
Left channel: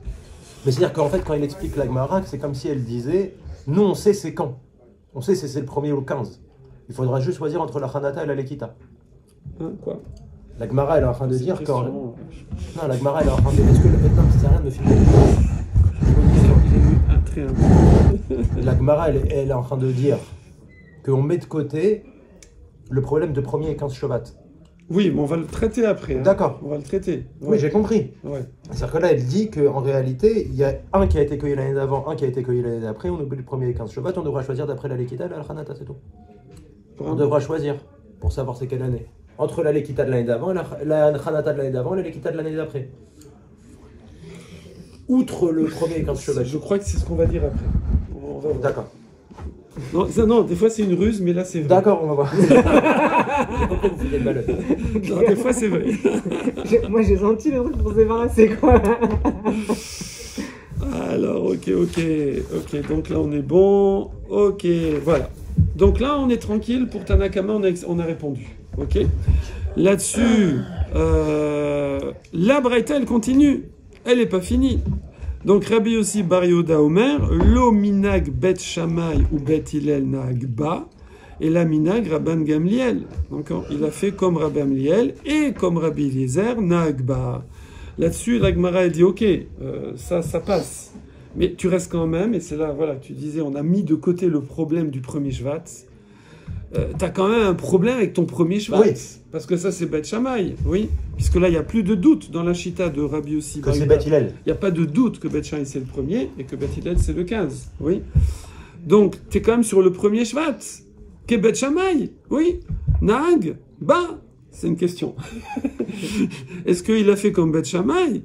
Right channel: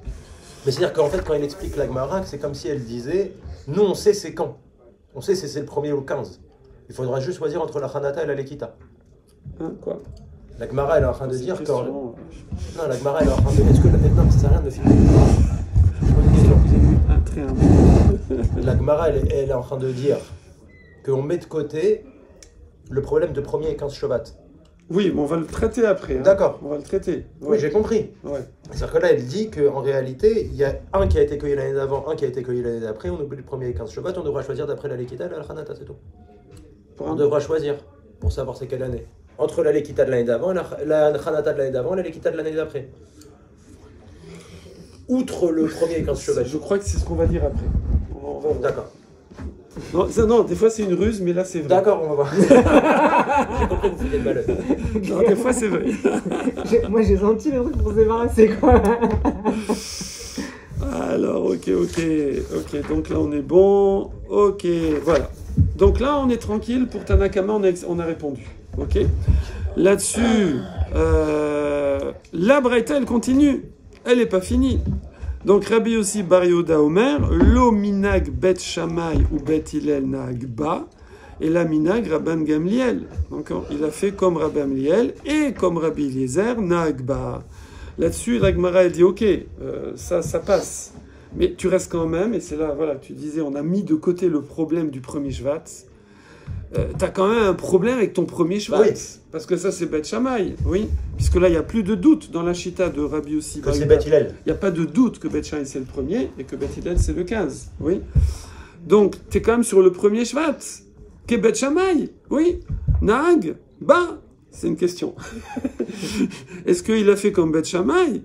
Mais c'est-à-dire qu'en fait, quand il explique la Gemara, c'est comme si elle disait, nous, on sait c'est quand. On sait c'est le premier ou le 15. Il faudra juste choisir entre la Khanata et la Lekita. Hein, quoi? La Gemara, elle est en train de dire quand... Non, la Gemara, elle est en train de dire... Est-ce que le non, ça sert à rien de filmer? La Gemara, elle est en train de dire qu'on met de côté le problème de premier et 15 Shovat. Oui, mais on va le traiter après. Hein. D'accord. On va le traiter. Oui, j'ai compris. Ouais. C'est-à-dire que là, elle dit qu'en réalité, il y a un qui a été cueilli l'année d'avant, un qui a été cueilli l'année d'après. On oublie le premier et 15 Shovat, on devra choisir d'après la Lekita et la Khanata, c'est tout. On devra choisir pour savoir c'est quelle année. Entre la Lekita de l'année d'avant, la Khanata de l'année d'avant et la Lekita de l'année d'après. Outre le premier et 15 Shovat. Je crois que c'est ce qu'on va dire après. D'accord. Non, des fois c'est une ruse, mais là c'est vrai. D'accord, on va voir. J'ai compris, vous faites malade. Non, des fois c'est vrai. Moi j'ai senti le truc pour se débarrasser, quoi. Alors, ok. Donc là on est bon. Ok, voilà. Donc là on est tranquille. Pour Tanakama, on a répondu. Ok. Là-dessus, la Braïta elle continue. Elle n'est pas finie. Donc Rabbi Yossi bar Yehuda Omer, lo minag Bet Shammai ou Bet Hillel nag ba, et la minag Rabban Gamliel. Donc il a fait comme Rabban Gamliel et comme Rabbi Eliezer nag ba. Là-dessus, la Gemara elle dit ok, ça passe, mais tu restes quand même, et c'est là voilà que tu disais, on a mis de côté le problème du premier Shvat. T'as quand même un problème avec ton premier Shvat, oui. Parce que ça c'est Bet Shammai, oui, puisque là il n'y a plus de doute dans la Chita de Rabbi Yossi. Que c'est Bet Hillel. Il n'y a pas de doute que Bet Shammai c'est le premier et que Bet Hillel c'est le 15, oui. Donc tu es quand même sur le premier Shvat, qu'est Bet Shammai, oui. Nag, bah, c'est une question. Est-ce qu'il a fait comme Bet Shammai?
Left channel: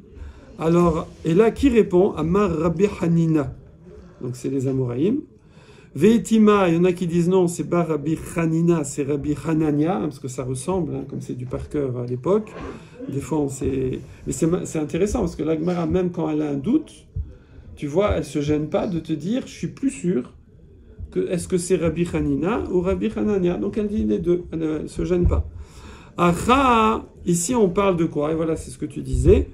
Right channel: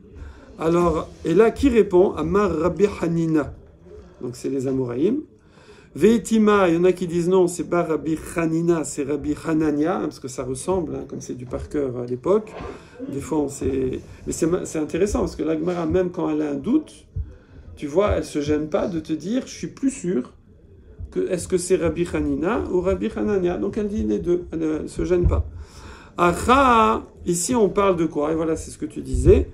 Alors, et là qui répond? Amar Rabbi Hanina, donc c'est les Amoraïm. Veitima, il y en a qui disent non, c'est pas Rabbi Hanina, c'est Rabbi Hanania, parce que ça ressemble, hein, comme c'est du par cœur à l'époque. Des fois, on sait... Mais c'est intéressant, parce que la Gemara, même quand elle a un doute, tu vois, elle se gêne pas de te dire, je suis plus sûr, est-ce que c'est Rabbi Hanina ou Rabbi Hanania? Donc elle dit les deux, elle ne se gêne pas. Acha, ici on parle de quoi? Et voilà, c'est ce que tu disais.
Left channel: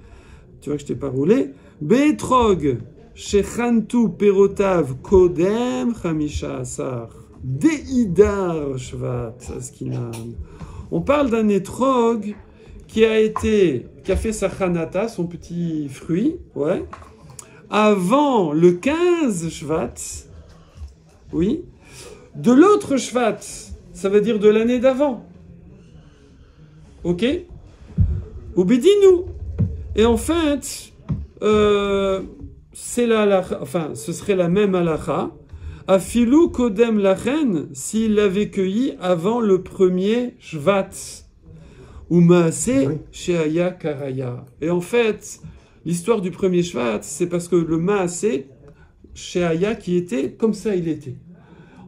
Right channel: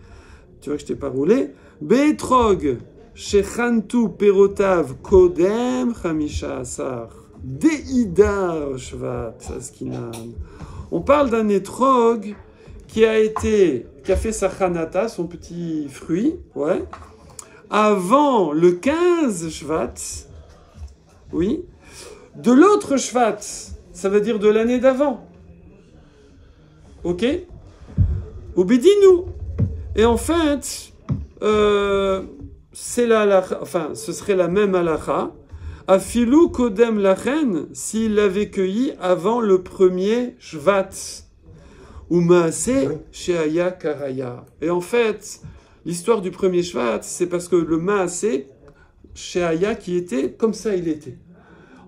Tu vois que je t'ai pas roulé. Betrog. Shechantu perotav kodem chamisha asar deidar shvat askinan. On parle d'un étrog qui a fait sa chanata, son petit fruit, ouais, avant le 15 shvat, oui, de l'autre shvat, ça veut dire de l'année d'avant, ok, ou bidinu. Et en fait, c'est ce serait la même halakha. Afilu kodem lachen, s'il l'avait cueilli avant le premier Shvat. Ou maaseh sheaya karaya. Et en fait, l'histoire du premier Shvat, c'est parce que le maaseh sheaya qui était, comme ça il était.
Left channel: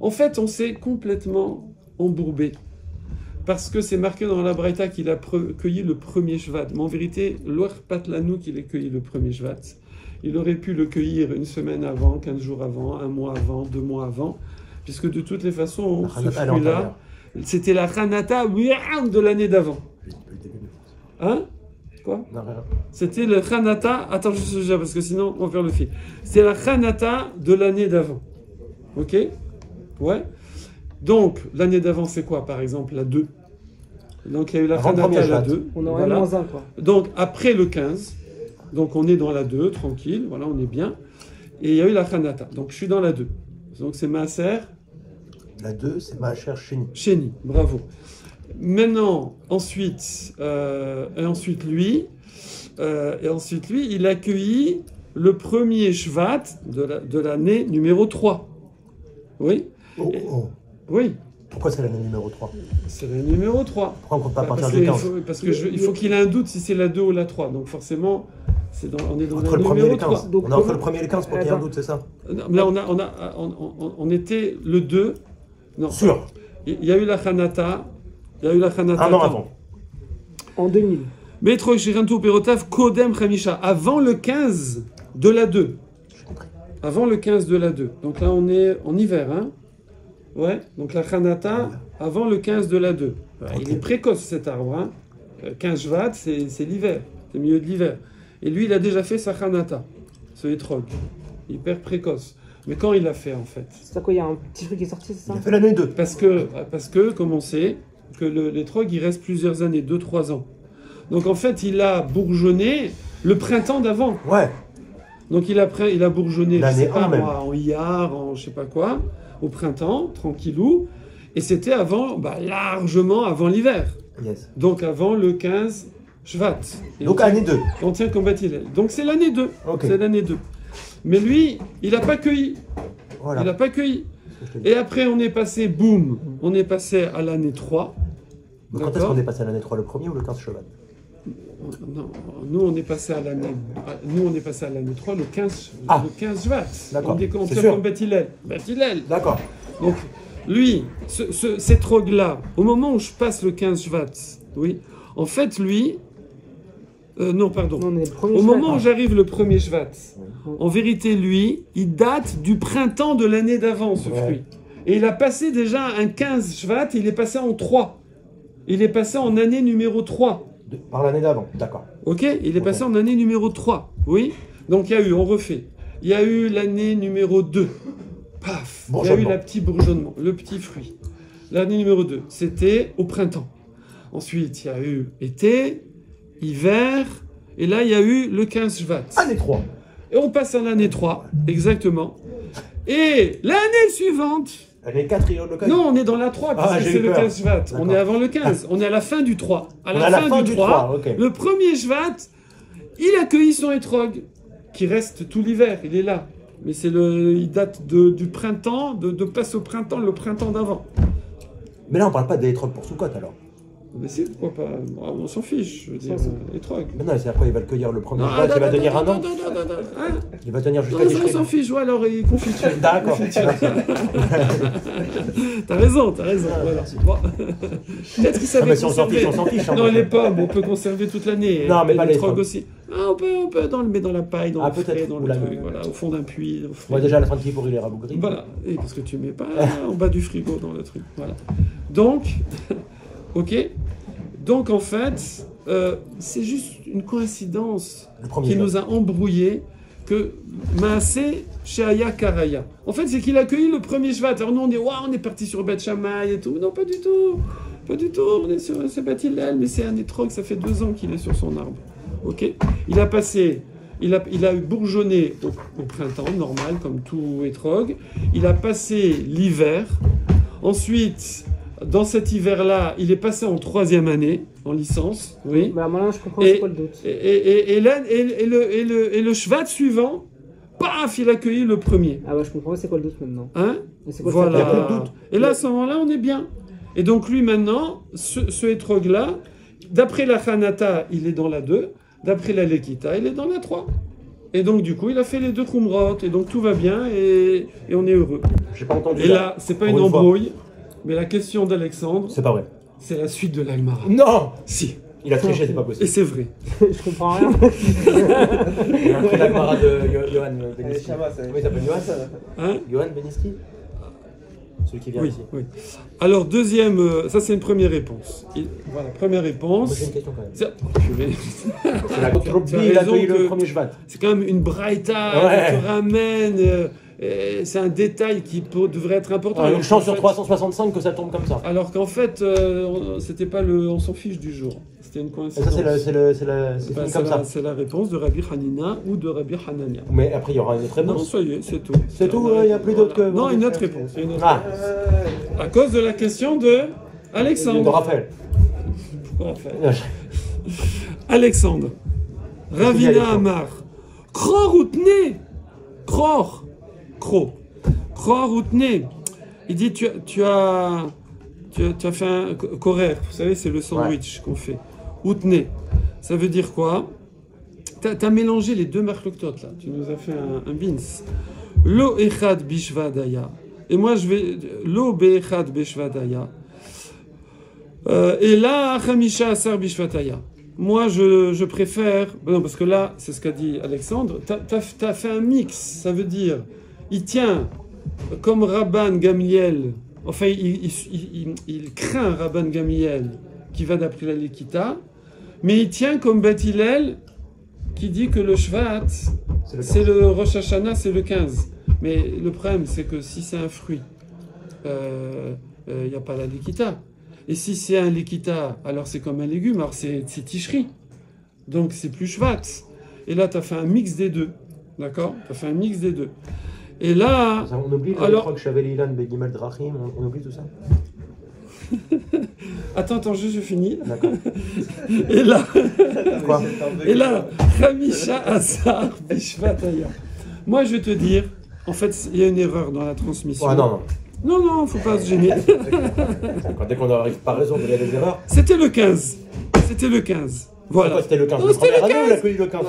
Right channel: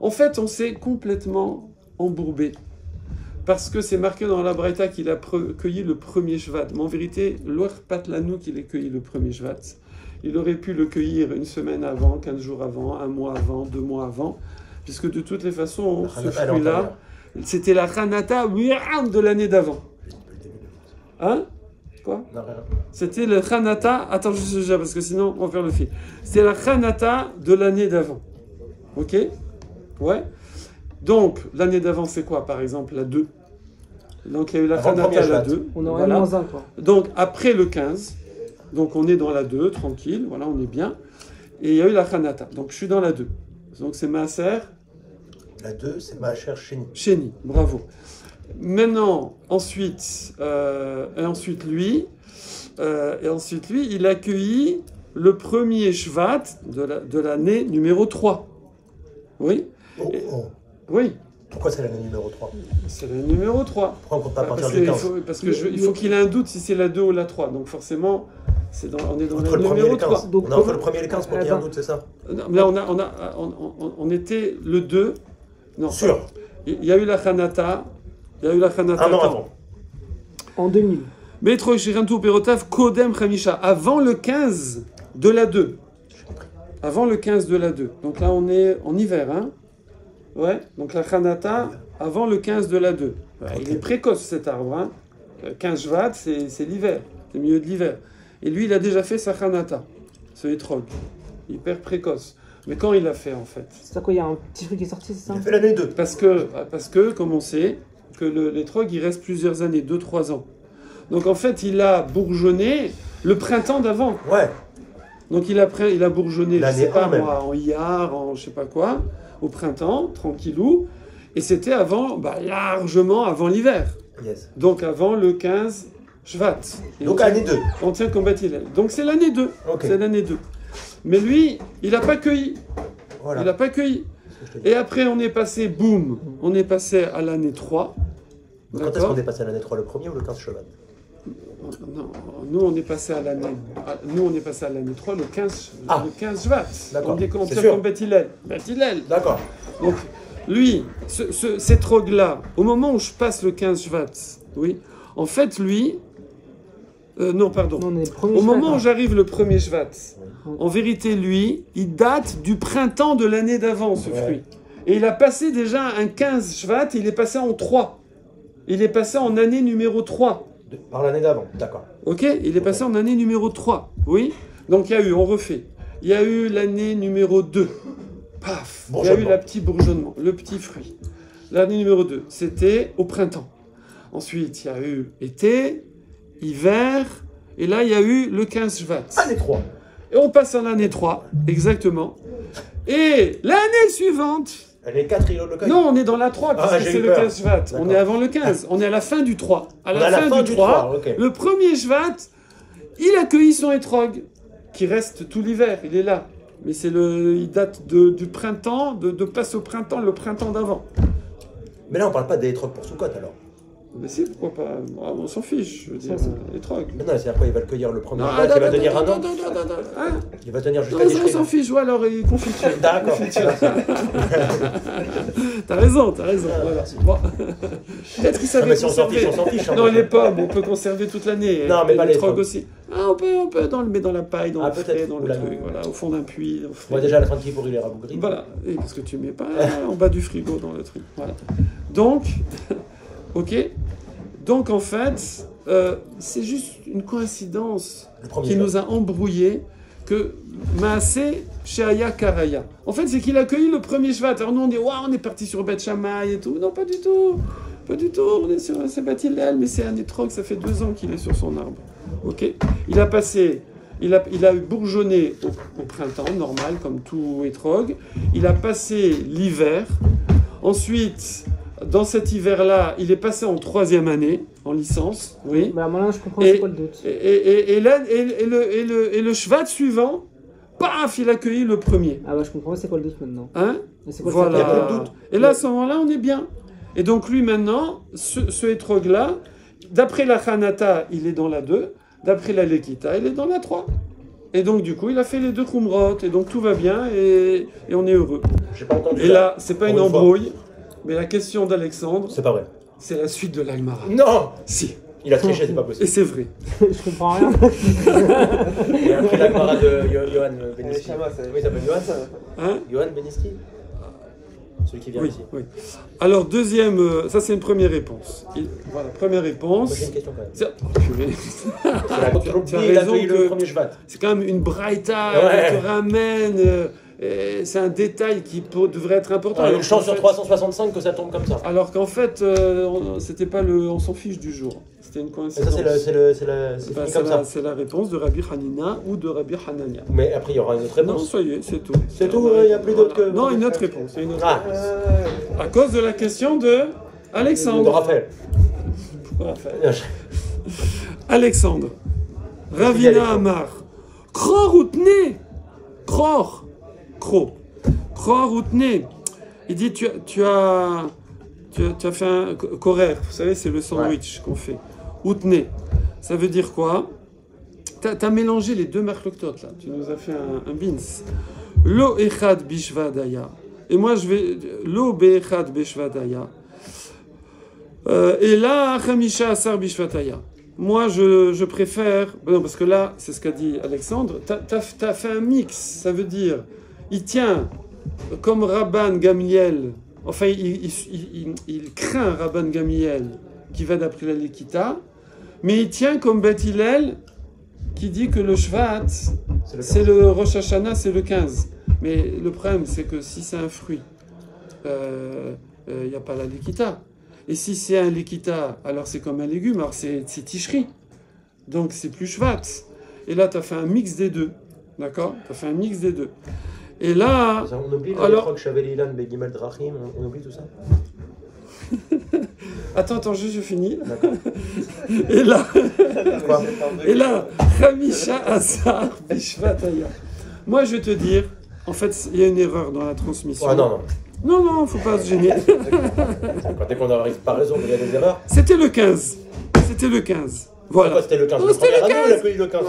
En fait, on s'est complètement embourbé. Parce que c'est marqué dans la Braïta qu'il a cueilli le premier Shvat. Mais en vérité, l'Oach Patlanou qu'il ait cueilli le premier Shvat. Il aurait pu le cueillir une semaine avant, 15 jours avant, un mois avant, 2 mois avant, puisque de toutes les façons, ce fruit-là, c'était la Chanata de l'année d'avant. Hein? Quoi? C'était le Chanata, attends, parce que sinon, on va faire le fil. C'était la Chanata de l'année d'avant. Ok? Ouais. Donc, l'année d'avant, c'est quoi, par exemple, la 2? Donc, il y a eu la Chanata, la 2. Voilà. Donc, après le 15, donc on est dans la 2, tranquille, voilà, on est bien. et il y a eu la Hanata. Donc je suis dans la 2. Donc c'est Maaser. La 2, c'est Maaser Sheni. Sheni, bravo. Maintenant, ensuite lui, il accueillit le premier Shvat de l'année numéro 3. Oui. Oui. Pourquoi c'est l'année numéro 3? C'est l'année numéro 3. Pourquoi on ne compte pas à partir du 15? Parce qu'il faut qu'il ait un doute si c'est la 2 ou la 3. Donc forcément, on est dans entre le numéro 3. Donc, on est entre le premier et le 15 pour qu'il y ait un doute, c'est ça? Là, on était le 2. Non. Sûr. Il y a eu la Hanata. Il y a eu la Hanata. Un an avant. En 2000. Metro Shirantu Perotav Kodem Khamisha. Avant le 15 de la 2. Avant le 15 de la 2. Donc là, on est en hiver, hein? Ouais. Donc la Hanata, avant le 15 de la 2. Okay. Il est précoce, cet arbre, hein? 15 Shvat, c'est l'hiver. C'est le milieu de l'hiver. Et lui, il a déjà fait sa Hanata, ce Etrog. Hyper précoce. Mais quand il l'a fait, en fait? C'est quoi, il y a un petit truc qui est sorti, c'est ça? Il a fait l'année 2. Parce que, comme on sait, que l'Etrog, il reste plusieurs années, 2-3 ans. Donc en fait, il a bourgeonné le printemps d'avant. Ouais. Donc il a bourgeonné, je sais pas même. moi, en Iyar, en je sais pas quoi, au printemps, tranquillou. Et c'était avant, largement avant l'hiver. Yes. Donc avant le 15 Shvat. Donc année 2. On tient comme Bathilel. Donc c'est l'année 2. Okay. C'est l'année 2. Mais lui, il n'a pas cueilli. Voilà. Il n'a pas cueilli. Et après, on est passé, boum, on est passé à l'année 3. Donc quand est-ce qu'on est passé à l'année 3, le premier ou le 15 Shvat? Non, nous on est passé à l'année 3, le 15 Shvat. D'accord. On tient comme Bathilel. D'accord. Donc lui, cet Etrog-là, au moment où je passe le 15 Shvat, oui, en fait lui, non pardon, au moment où j'arrive le 1er Shvat, en vérité lui, il date du printemps de l'année d'avant ce fruit. Et il a passé déjà un 15 Shvat, il est passé en 3. Il est passé en année numéro 3. Par l'année d'avant, d'accord. Ok, il est passé en année numéro 3, oui. Donc il y a eu, on refait, il y a eu l'année numéro 2. Paf, il y a eu le petit bourgeonnement, le petit fruit. L'année numéro 2, c'était au printemps. Ensuite, il y a eu été, hiver, et là, il y a eu le 15 Shvat. Année 3. Et on passe à l'année 3, exactement. Et l'année suivante... L'année 4, il y a le 15. Non, on est dans la 3, parce que c'est le 15 Shvat. On est avant le 15, on est à la fin du 3. À la fin du 3, okay. Le premier Shvat, il accueillit son Etrog, qui reste tout l'hiver, il est là. Mais il date du printemps, de passe au printemps, le printemps d'avant. Mais là, on parle pas des Etrog pour Soukot, alors. Mais si, pourquoi pas? On s'en fiche, je veux dire, Etrog. Mais non, c'est après, il va le cueillir le premier Shvat, il va tenir un an. Il va tenir jusqu'à l'Ishrin. On s'en fiche, ouais, alors il confiture. D'accord. T'as raison, voilà. Bon. Peut-être qu'il savait conserver. On s'en fiche. Non, les pommes, on peut conserver toute l'année. Non, mais pas les Etrog aussi. Ah, on peut mais dans la paille, dans le frais, dans le truc, voilà, au fond d'un puits. Moi, déjà, à la fin de pour il est rabougri. Voilà, et parce que tu mets pas en bas du frigo dans le truc. Voilà. Donc, ok. Donc, en fait, c'est juste une coïncidence qui nous a embrouillé que Maaseh Sheaya Karaya. En fait, c'est qu'il a accueilli le premier Shvat. Alors nous, on dit, waouh, on est parti sur Beth Shammai et tout. Non, pas du tout. Pas du tout. On est sur Bathilel, mais c'est un Etrog, ça fait 2 ans qu'il est sur son arbre. Ok. Il a bourgeonné au printemps, normal, comme tout Etrog. Il a passé l'hiver. Ensuite, dans cet hiver-là, il est passé en 3e année, en licence. Oui. Bah, moi, je comprends c'est quoi le doute. Et le Shvat suivant, paf, il a accueilli le premier. Ah bah, je comprends c'est quoi le doute maintenant. Hein? Voilà. Il y a plus de doute. Et là, à ce moment-là, on est bien. Et donc, lui, maintenant, ce Etrog-là, d'après la Hanata, il est dans la 2. D'après la Lekita, il est dans la 3. Et donc, du coup, il a fait les 2 Khumrot. Et donc, tout va bien et on est heureux. J'ai pas entendu. Et là, c'est pas une embrouille, mais la question d'Alexandre, c'est pas vrai. C'est la suite de l'Agmara. Non. Si. Il a triché, c'est pas possible. Et c'est vrai. Je comprends rien. Il a pris l'Agmara de Johan Beniski. Oui, il s'appelle Johan, ça. Hein? Johan Beniski. Celui qui vient ici. Oui. Alors, deuxième, ça c'est une première réponse. Voilà, première réponse. Moi j'ai une question quand même. Il a accueilli le premier Shvat. C'est quand même une braïta qui ramène. C'est un détail qui devrait être important. Une chance sur 365 que ça tombe comme ça. Alors qu'en fait, c'était pas on s'en fiche du jour. c'était une coïncidence. C'est la réponse de Rabbi Hanina ou de Rabbi Hanania. Mais après, il y aura une autre réponse. Non, soyez, c'est tout. C'est tout, il n'y a plus d'autres que... Non, une autre réponse. À cause de la question de Alexandre. De Raphaël. Pourquoi Raphaël? Alexandre. Ravina Amar. Kror outne. Kror. Outne. Il dit, tu as fait un korer. Vous savez, c'est le sandwich qu'on fait. Outne. Ça veut dire quoi? Tu as mélangé les deux marloktot là. Tu nous as fait un bins. Lo echad bishvadaya. Et moi, je vais... Lo be'echad bishvadaya. Et là, Khamisha Asar Bishvataya. Moi, je préfère... Non, parce que là, c'est ce qu'a dit Alexandre. T'as fait un mix. Ça veut dire, il tient comme Rabban Gamliel. Enfin, il craint Rabban Gamliel qui va d'après la Lekita. Mais il tient comme Beth Hillel qui dit que le Shvat, c'est le Rosh Hashanah, c'est le 15. Mais le problème, c'est que si c'est un fruit, il n'y a pas la Lekita. Et si c'est un Lekita, alors c'est comme un légume, alors c'est Tishri. Donc c'est plus Shvat. Et là, tu as fait un mix des deux. D'accord? Tu as fait un mix des deux. Et là... On oublie alors... on oublie tout ça. Attends, je finis. D'accord. Et là, Khamisha Asar Bishvataya. Moi, je vais te dire, en fait, il y a une erreur dans la transmission. Ah non. Non, faut pas se gêner. Dès qu'on n'arrive pas raison, il y a des erreurs. C'était le 15. Voilà. C'était le 15. Non, c'était le 15. Il a accueilli le 15.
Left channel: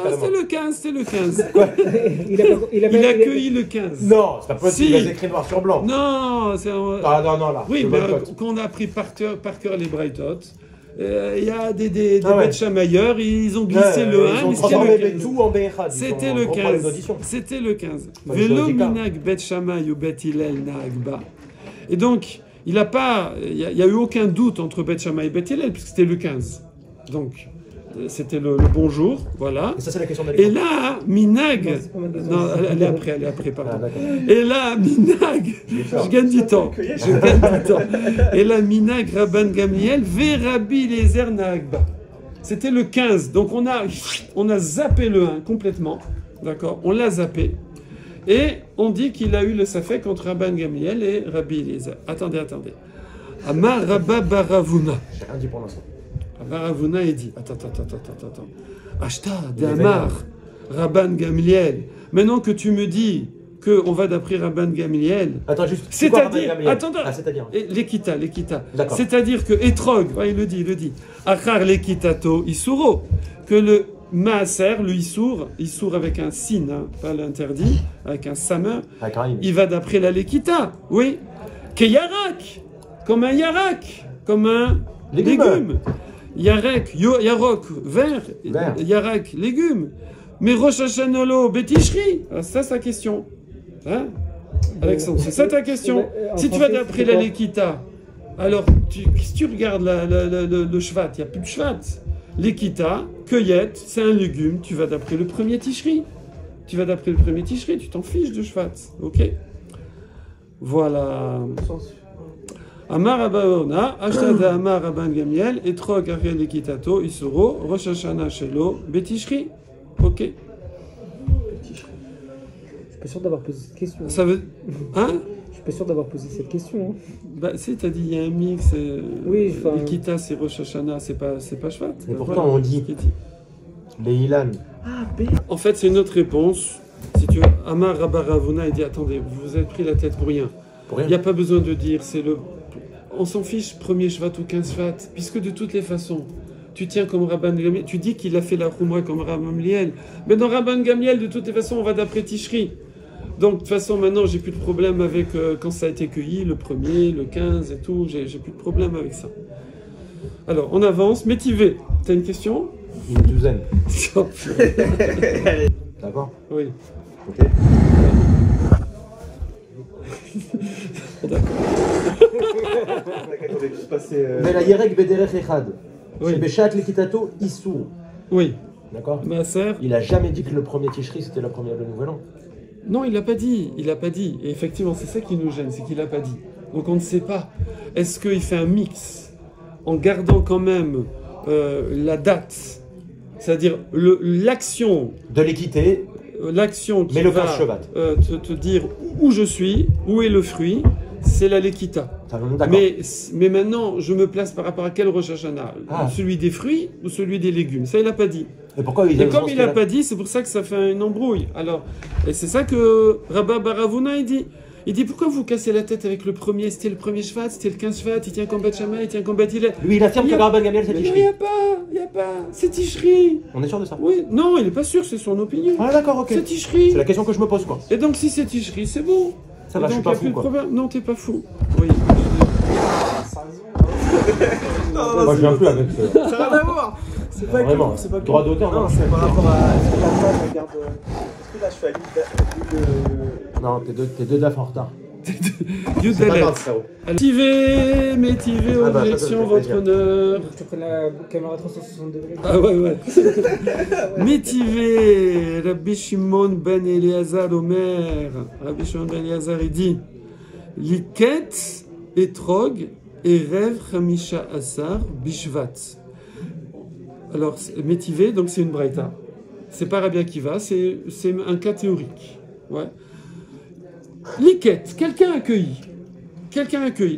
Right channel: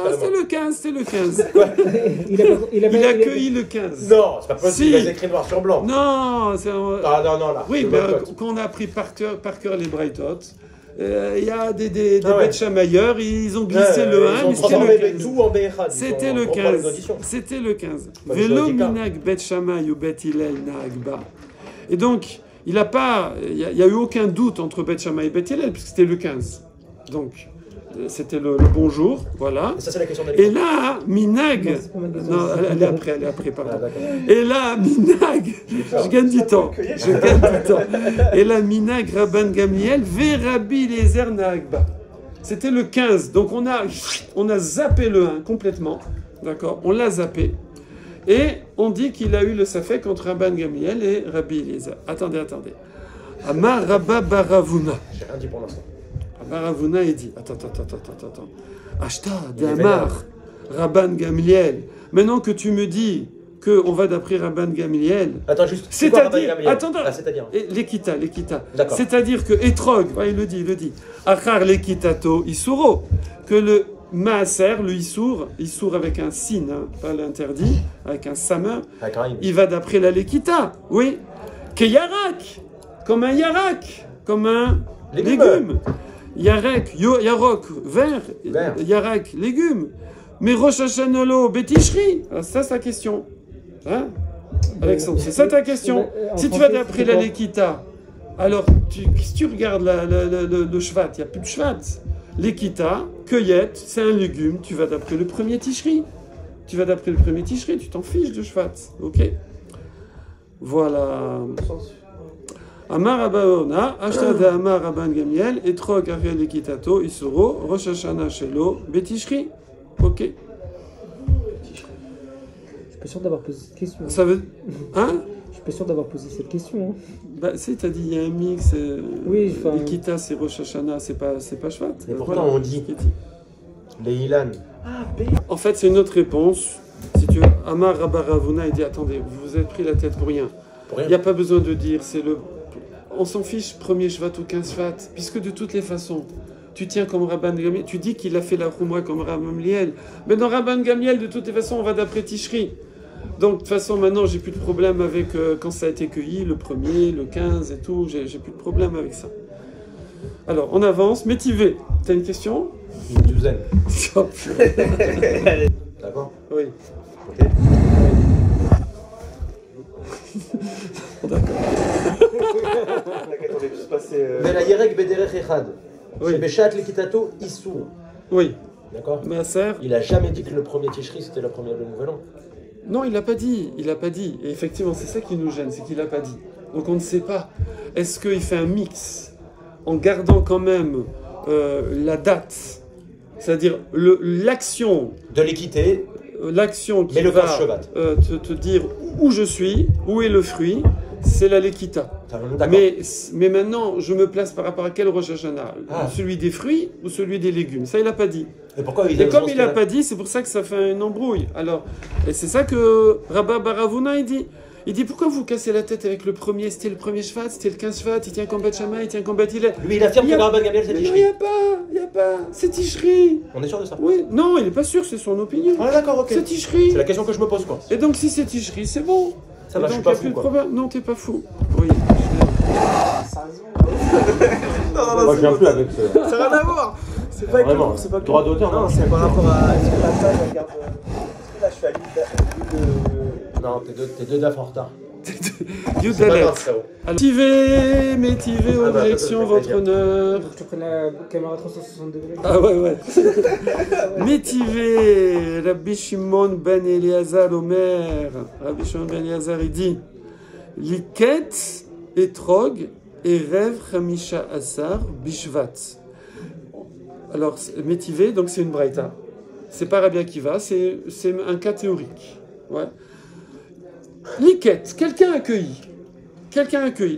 C'était le 15. Il a accueilli le 15. Non, c'est pas possible. Il a écrit noir sur blanc. Non, c'est... non, là. Oui, mais quand on a appris par cœur les Braithot, il y a des Beth Shamayeur, ils ont glissé le 1, mais c'était le 15. C'était le 15. Velo minag Beth Shammai ou Beth Hillel naagba. Et donc, il n'y a eu aucun doute entre Beth Shammai et Beth Hillel, puisque c'était le 15. Donc, c'était le bonjour, voilà. Et ça, c'est la question d'Alexandre. Et là, Minag... Non, elle est après, pardon. Et là, Minag... Je gagne du temps. Et là, Minag, Rabban Gamliel, Verabi Eliezer Naagba. C'était le 15. Donc, on a zappé le 1 complètement. D'accord? On l'a zappé. Et on dit qu'il a eu le safek entre Rabban Gamliel et Rabbi Eliezer. Attendez. Amar Rabba Baravuna. J'ai rien dit pour l'instant. Baravuna, il dit, attends. Ashta d'Amar, Rabban Gamliel. Maintenant que tu me dis qu'on va d'après Rabban Gamliel. Attends, juste. C'est-à-dire, c'est-à-dire. L'Ekita. D'accord. C'est-à-dire que Etrog, il le dit. Achar l'Ekitato Isuro. Que le Maaser, le Issour avec un sin, hein, pas l'interdit, avec un samer, il va d'après la Lekita. Oui. Que Yarak. Comme un Yarak. Comme un légume. Yarek, vert, Yarek, légumes. Mais Rosh Hashanah, Betishri, ça c'est la question. Hein, Alexandre, c'est ça ta question. Si tu vas d'après la Lekita, alors si tu regardes le Shvat, il n'y a plus de Shvat. Lekita, cueillette, c'est un légume, tu vas d'après le premier Tishri. Tu t'en fiches de Shvat, ok? Voilà. Amar Abaona, Ashtada Amar Rabban Gamliel, Etrog Ariel Ekitato, Isuro, Rosh Hashanah Shelo, Betishri. Ok. Je suis pas sûr d'avoir posé cette question. Ça veut. Hein? Je suis pas sûr d'avoir posé cette question. Hein. Bah, si, t'as dit, il y a un mix. Oui, Ekita, c'est Rosh Hashanah, c'est pas Shvat. Mais pourquoi on dit les Ilan? En fait, c'est une autre réponse. Si tu veux, Amar Rabbaravuna, il dit attendez, vous vous êtes pris la tête pour rien. Il n'y a pas besoin de dire, c'est le. On s'en fiche, premier Shvat ou 15 Shvat, puisque de toutes les façons, tu tiens comme Rabban Gamliel, tu dis qu'il a fait la Khumra comme Rabban Gamliel, mais dans Rabban Gamliel, de toutes les façons, on va d'après Tishri. Donc, de toute façon, maintenant, j'ai plus de problème avec quand ça a été cueilli, le premier, le 15 et tout, j'ai plus de problème avec ça. Alors, on avance. Métivé, tu as une question? Une douzaine. D'accord? Oui. Ok. Oui. D'accord. Maaser. Il a jamais dit que le premier Tishri c'était le premier de Nouvel An. Non, il l'a pas dit. Et effectivement, c'est ça qui nous gêne, c'est qu'il l'a pas dit. Donc on ne sait pas. Est-ce qu'il fait un mix en gardant quand même la date, c'est-à-dire l'action de l'équité, l'action qui va te dire où je suis, où est le fruit, c'est la Lekita. Mais maintenant, je me place par rapport à quel Rosh Hashanah? Celui des fruits ou celui des légumes? Ça, il n'a pas dit. Et pourquoi comme il n'a pas dit, c'est pour ça que ça fait une embrouille. Alors, et c'est ça que Rabba Baravuna, il dit. Il dit, pourquoi vous cassez la tête avec le premier? C'était le premier Shvat, c'était le 15 Shvat, il tient combat de Shama, il tient combat d'Hillel. Lui, il affirme que Rabban Gamliel, c'est Tishri. Il n'y a pas, c'est Tishri. On est sûr de ça? Oui, non, il n'est pas sûr, c'est son opinion. Ah, d'accord, ok. C'est Tishri. C'est la question que je me pose, quoi. Et donc, si c'est Tishri, c'est bon. Ça va, je suis pas fou, quoi. Non, t'es pas fou. Oui. Non, ça n'a rien à voir. C'est pas que c'est pas que. Non, c'est par rapport à. Est-ce que la table regarde. Est-ce que là je suis à l'île de. Non, t'es deux DAF en retard. Métivé, objection, votre honneur. Je te prends la caméra 362. Ah ouais. Métivé, Rabbi Shimon ben Eliazar Omer. Rabbi Shimon ben Eliazar, il dit Liket, Etrog, Erev, Chamisha Asar, Bishvat. Alors, métivé, donc c'est une braïta. C'est pas Rabbi Akiva, c'est un cas théorique. Ouais. Liket, quelqu'un accueilli.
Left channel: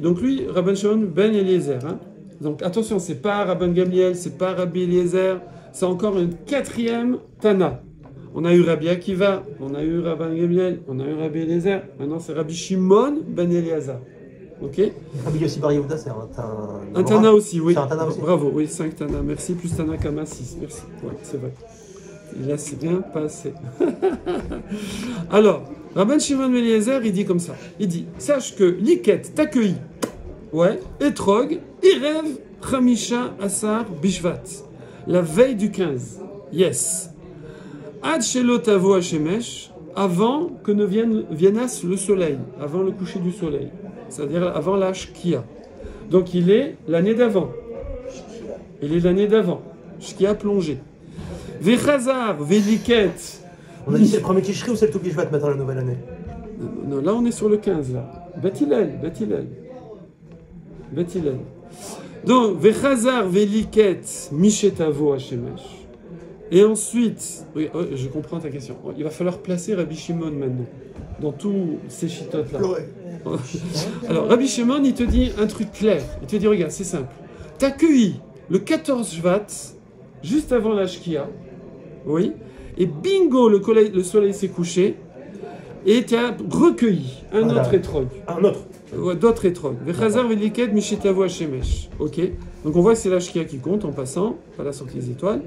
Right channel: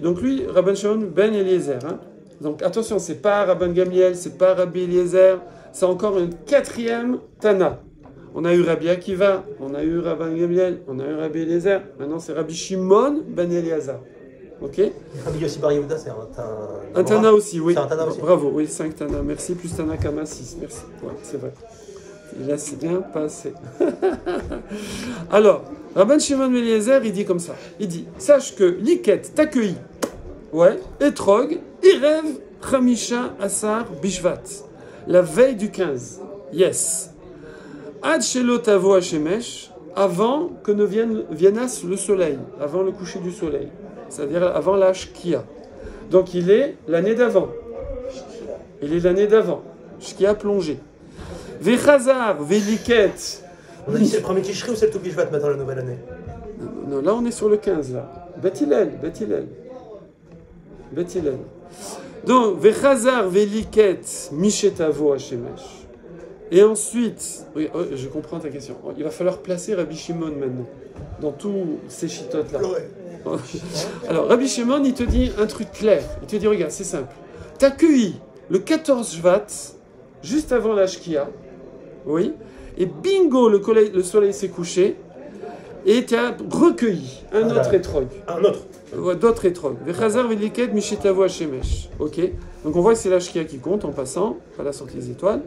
Donc lui, Rabban Shimon ben Eliezer. Hein. Donc attention, c'est pas Rabban Gamliel, c'est pas Rabbi Eliezer, c'est encore un quatrième Tana. On a eu Rabbi Akiva, on a eu Rabban Gamliel, on a eu Rabbi Eliezer. Maintenant, c'est Rabbi Shimon ben Eliezer. Ok. Rabbi Yossi Bar Yehuda, c'est un Tana aussi, oui. Un Tana aussi. Bravo, oui, 5 Tana. Merci, plus Tana Kama 6. Merci. Ouais, c'est vrai. Là, c'est bien passé. Alors, Rabban Shimon ben Eliezer, il dit comme ça. Il dit, sache que Liket t'accueille, ouais, Etrog, Erev, Chamisha, Asar, Bishvat. La veille du 15. Yes. Ad Shelo Tavo Hashemesh, avant que ne viennasse le soleil, avant le coucher du soleil. C'est-à-dire avant la Shkia. Donc, il est l'année d'avant. Shkia plongée. Vechazar, Veliket. On a dit c'est le premier Tishri ou c'est le tout Bishvat maintenant la nouvelle année? Non, là on est sur le 15 là. Bet Hillel. Donc, Vechazar, Veliket, Mishetavo Hashemesh. Et ensuite, oui, je comprends ta question. Il va falloir placer Rabbi Shimon maintenant, dans tous ces chitotes là. Alors, Rabbi Shimon, il te dit un truc clair. Il te dit, regarde, c'est simple. T'as cueilli le 14 Shvat, juste avant la Shkia, oui, et bingo, le soleil s'est couché, et tu as recueilli un autre étrog. Un autre. D'autres étrogs. Vechazar veliket mishetavo hashemesh. Ok. Donc on voit que c'est la Shkia qui compte en passant, pas la sortie des étoiles,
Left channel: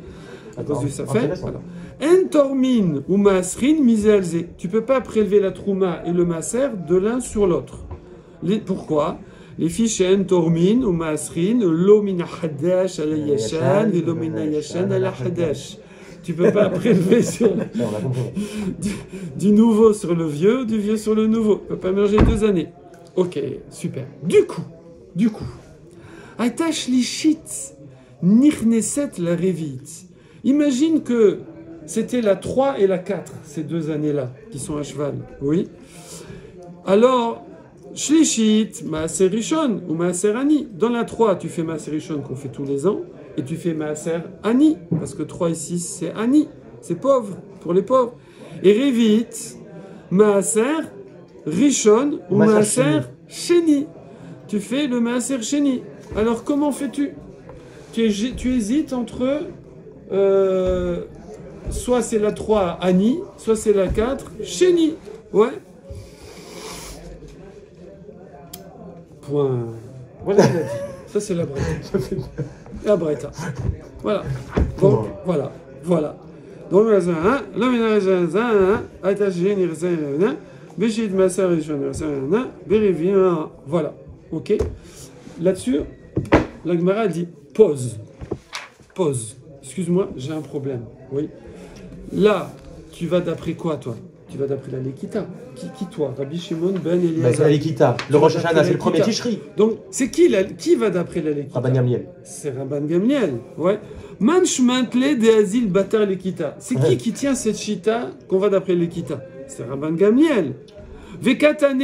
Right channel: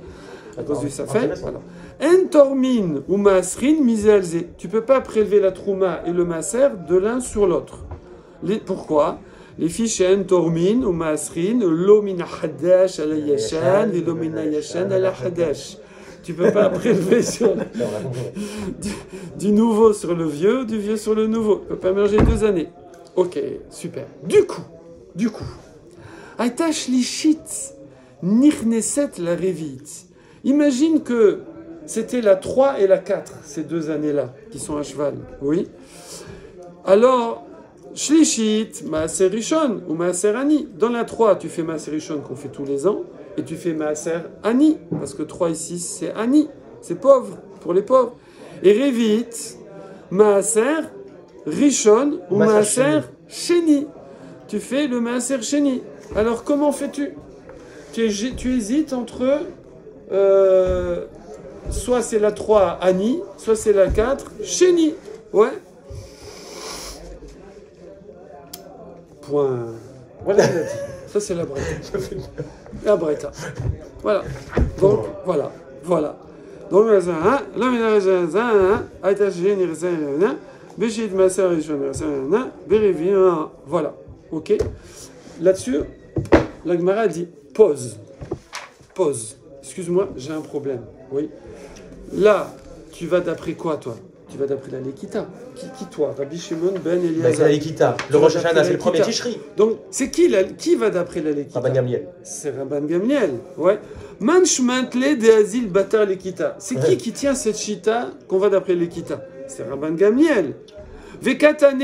à cause du Safek. Voilà. En tormin ou maasrin mizelze. Tu peux pas prélever la trouma et le maaser de l'un sur l'autre. Pourquoi? Les fiches en tormin ou maasrin, lo min hadash ala yashan, et lo min yashan ala hadash. Tu peux pas prélever sur du nouveau sur le vieux, du vieux sur le nouveau. Tu peux pas merger 2 années. Ok, super. Du coup, Aïta Shlishit Nichneset la Revit. Imagine que c'était la 3 et la 4, ces 2 années-là, qui sont à cheval. Oui. Alors, Shlishit, Maaser Rishon ou Maaser Ani. Dans la 3, tu fais Maaser Rishon qu'on fait tous les ans, et tu fais Maaser Ani, parce que 3 et 6, c'est Ani. C'est pauvre, pour les pauvres. Et Revit, Maaser Rishon ou Maaser Sheni. Tu fais le Maaser Sheni. Alors comment fais-tu? Tu hésites entre soit c'est la 3 Ani, soit c'est la 4 Sheni. Ouais. Point. Voilà, il a dit. Ça c'est la Breta. La Breta. Voilà. Donc voilà. Donc voilà, ok. Là-dessus, la Gemara dit pause. Excuse-moi, j'ai un problème. Oui. Là, tu vas d'après quoi, toi? Tu vas d'après la Lekita. Qui toi? Rabbi Shimon ben Eliezer. C'est la Lekita. Le Rosh Hashanah, c'est le premier Tishri. Donc, c'est qui va d'après la Lekita? Rabban Gamliel. C'est Rabban Gamliel, ouais. Manchmantle de Azil Batar Lekita. C'est qui tient cette chita qu'on va d'après Lekita? C'est Rabban Gamliel. Vekatane,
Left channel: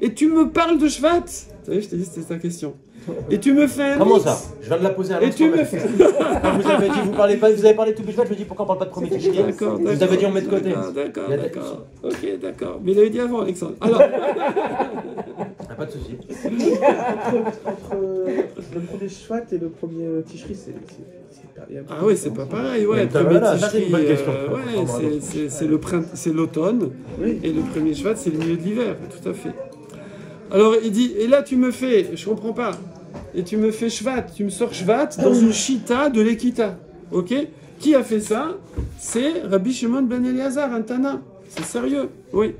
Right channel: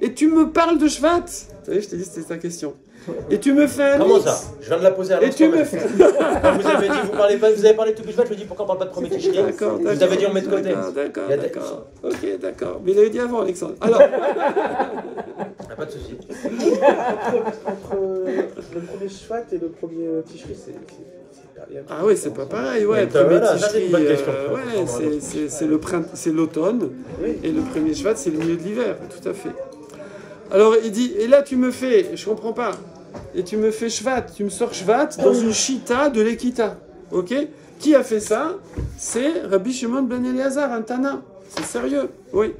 et tu me parles de Shvat? Vous savez, je t'ai dit c'était ta question. Et tu me fais un Comment X. ça? Je viens de la poser à Et tu me fais... Quand vous avez dit, vous avez parlé de tout Bishvat, je me dis pourquoi on parle pas de premier Tishri? D'accord, Vous avez dit on met de côté. D'accord. Ok, d'accord. Mais il avait dit avant, Alexandre. Alors... Pas de souci. Entre le premier Shvat et le premier Tishri, ah oui, c'est pas pareil. Ouais, le premier Tishri, c'est l'automne. Oui. Et le premier Shvat, c'est le milieu de l'hiver. Tout à fait. Alors, il dit, et là, tu me fais, je comprends pas, et tu me fais Shvat, tu me sors Shvat dans une Shita de l'Ekita. Ok? Qui a fait ça? C'est Rabbi Shimon ben Eliezer, un Tana. C'est sérieux, oui.